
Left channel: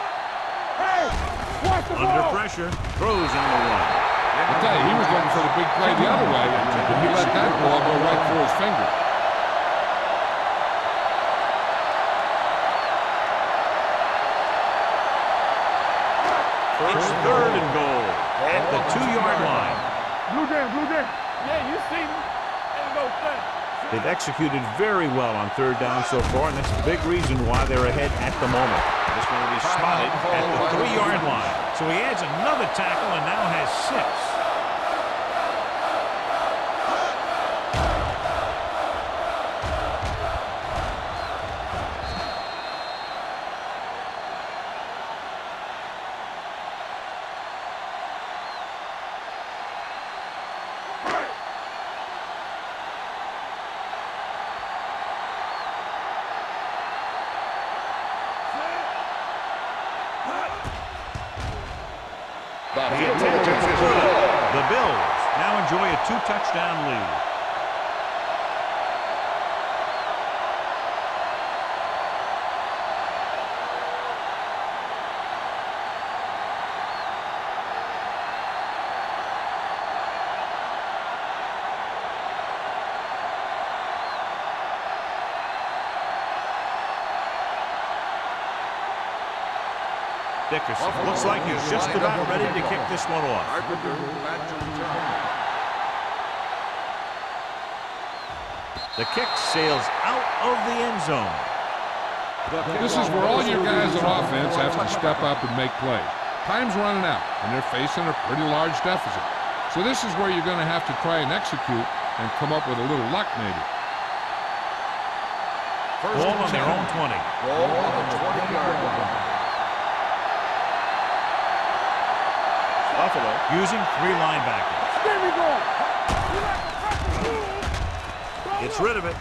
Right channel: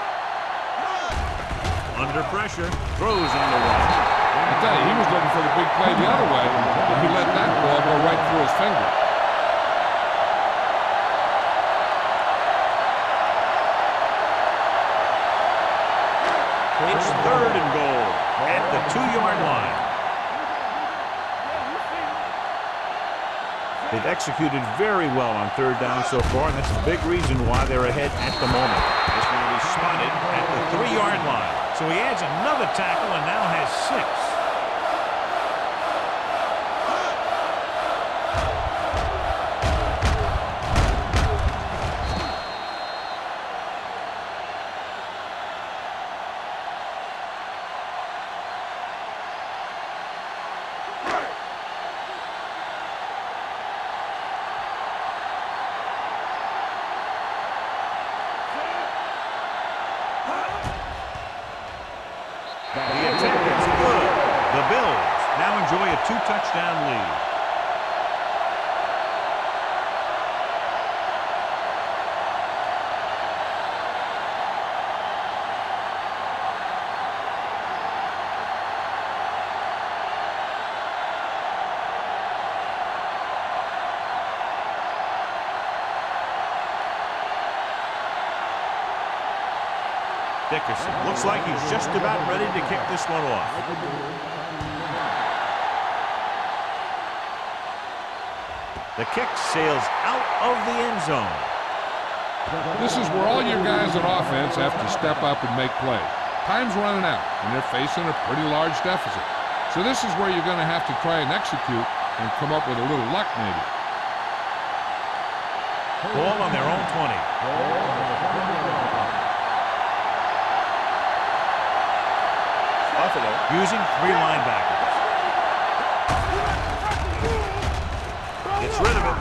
Under pressure, throws on the run. I tell you, he was looking for the big play the other way, but he let that ball go right through his fingers. It's third and goal at the 2-yard line. Blue game. Yeah, you see me. They've executed very well on third down so far, and that's a big reason why they're ahead at the moment. This one will be spotted at the 3-yard line. So he adds another tackle and now has 6. The attempt is good. The Bills now enjoy a 2-touchdown lead. Dickerson looks like he's just about ready to kick this one off. The kick sails out of the end zone. This is where all your guys on offense have to step up and make plays. Time's running out, and they're facing a pretty large deficit. So this is where you're going to have to try and execute and come up with a little luck, maybe. Ball on their own 20. Ball on the 20-yard line. Buffalo using 3 linebackers. Gets rid of it.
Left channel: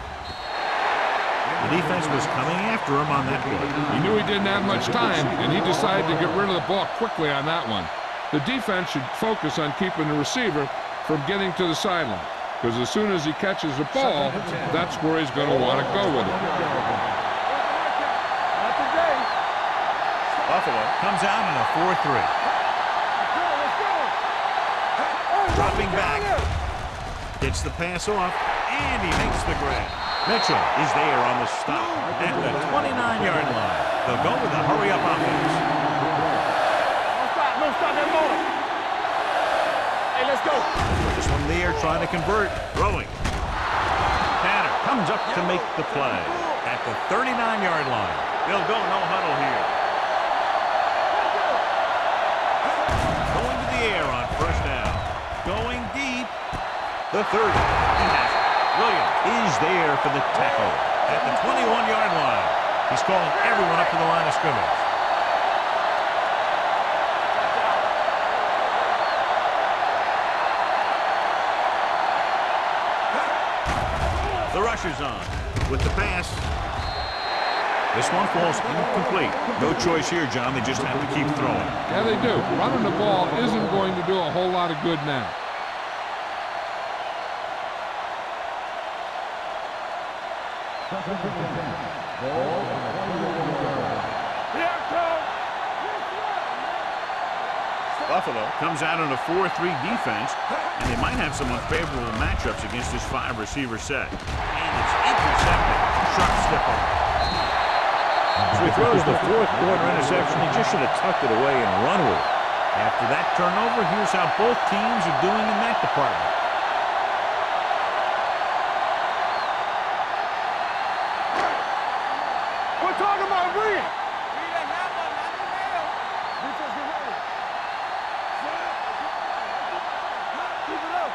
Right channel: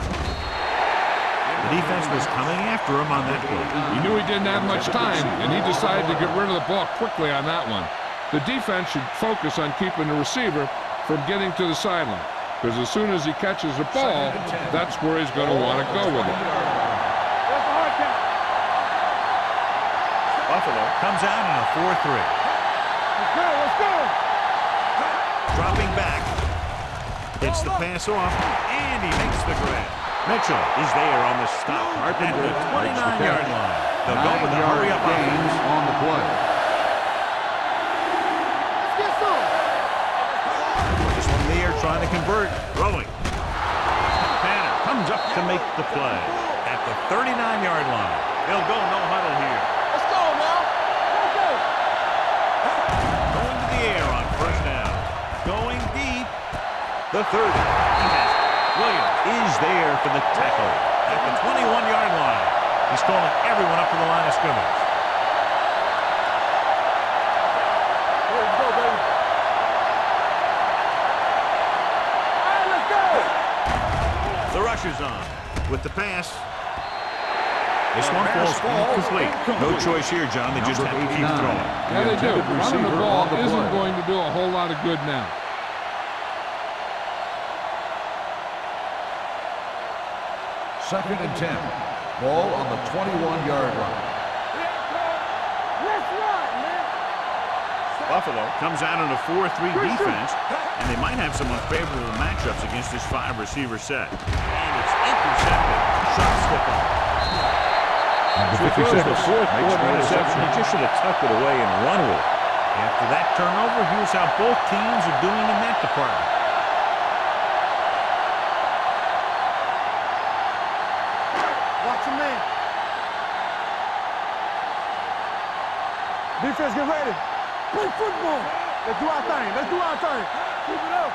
The defense was coming after him on that play. He knew he didn't have much time, and he decided to get rid of the ball quickly on that one. The defense should focus on keeping the receiver from getting to the sideline, because as soon as he catches the ball, that's where he's going to want to go with it. Buffalo comes out in a 4-3. Let's go. Dropping back. Gets the pass off, and he makes the grab. Mitchell is there on the stop at the 29-yard line. They'll go with a hurry-up offense. On the play. This one there trying to convert. Throwing. Tanner comes up to make the play at the 39-yard line. They'll go no huddle here. Let's go now. Let's go. Going to the air on first down. Going deep. The 30. He has it. Williams is there for the tackle at the 21-yard line. He's calling everyone up to the line of scrimmage. The rusher's on with the pass. This one falls incomplete. No choice here, John. They just have to keep throwing. Yeah, they do. Running the ball isn't going to do a whole lot of good now. Second and 10. Ball on the 21-yard line. Buffalo comes out in a 4-3 defense, and they might have some unfavorable matchups against this 5-receiver set. And it's intercepted. Sharp step on. So he throws the 4th quarter interception. He just should have tucked it away and run with it. After that turnover, here's how both teams are doing in that department. Defense, get ready. Play football. Let's do our thing. Let's do our thing. Keep it up.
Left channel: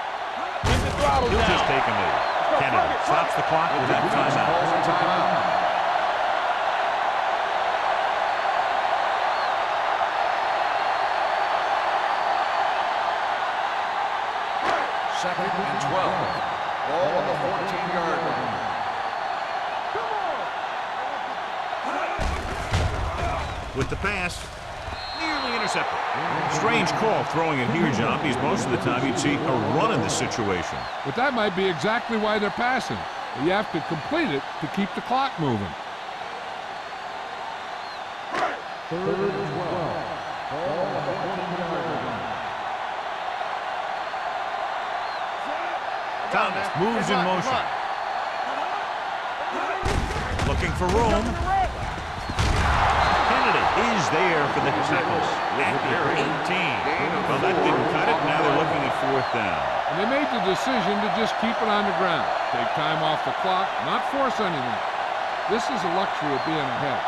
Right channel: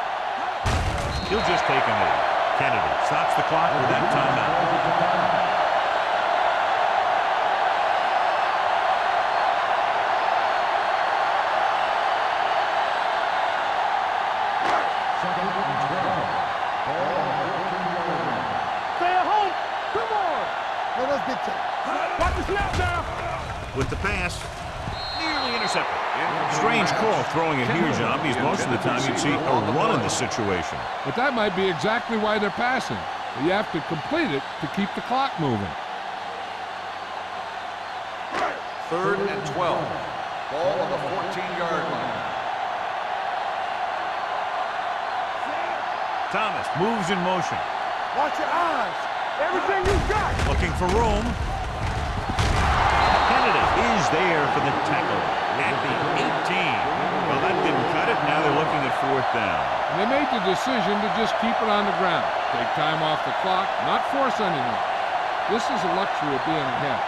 He'll just take a knee. Kennedy stops the clock with that timeout. Second and 12. Ball on the 14-yard line. Stay at home. Come on. Now let's get you. With the pass. Nearly intercepted. Strange call throwing it here, John, because most of the time you'd see a run in this situation. But that might be exactly why they're passing. You have to complete it to keep the clock moving. Third and 12. Ball on the 14-yard line. Thomas moves in motion. Watch your eyes. Everything you got. Looking for room. Kennedy is there for the tackle at the 18. Well, that didn't cut it. Now they're looking at 4th down. And they made the decision to just keep it on the ground. Take time off the clock, not force anything. This is the luxury of being ahead.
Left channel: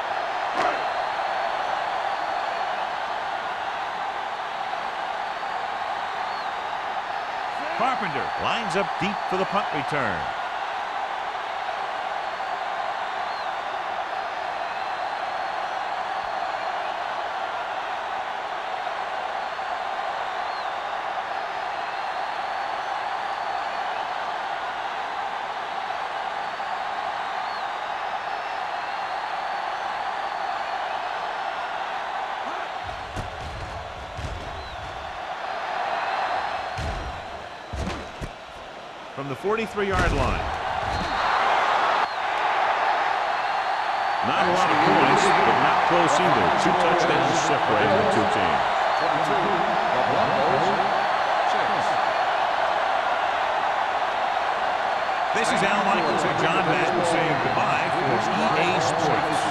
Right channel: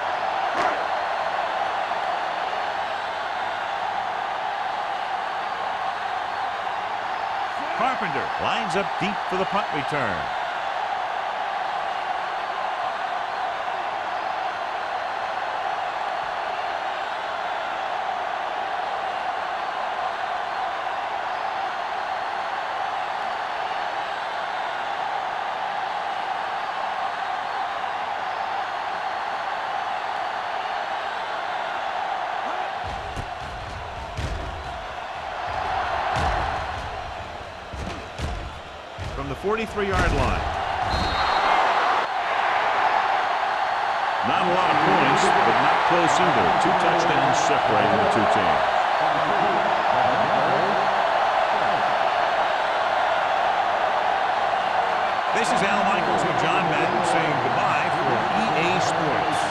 Carpenter lines up deep for the punt return. From the 43-yard line. Not a lot of points, but not close either. 2 touchdowns separating the two teams. This is Al Michaels with John Madden saying goodbye for EA Sports.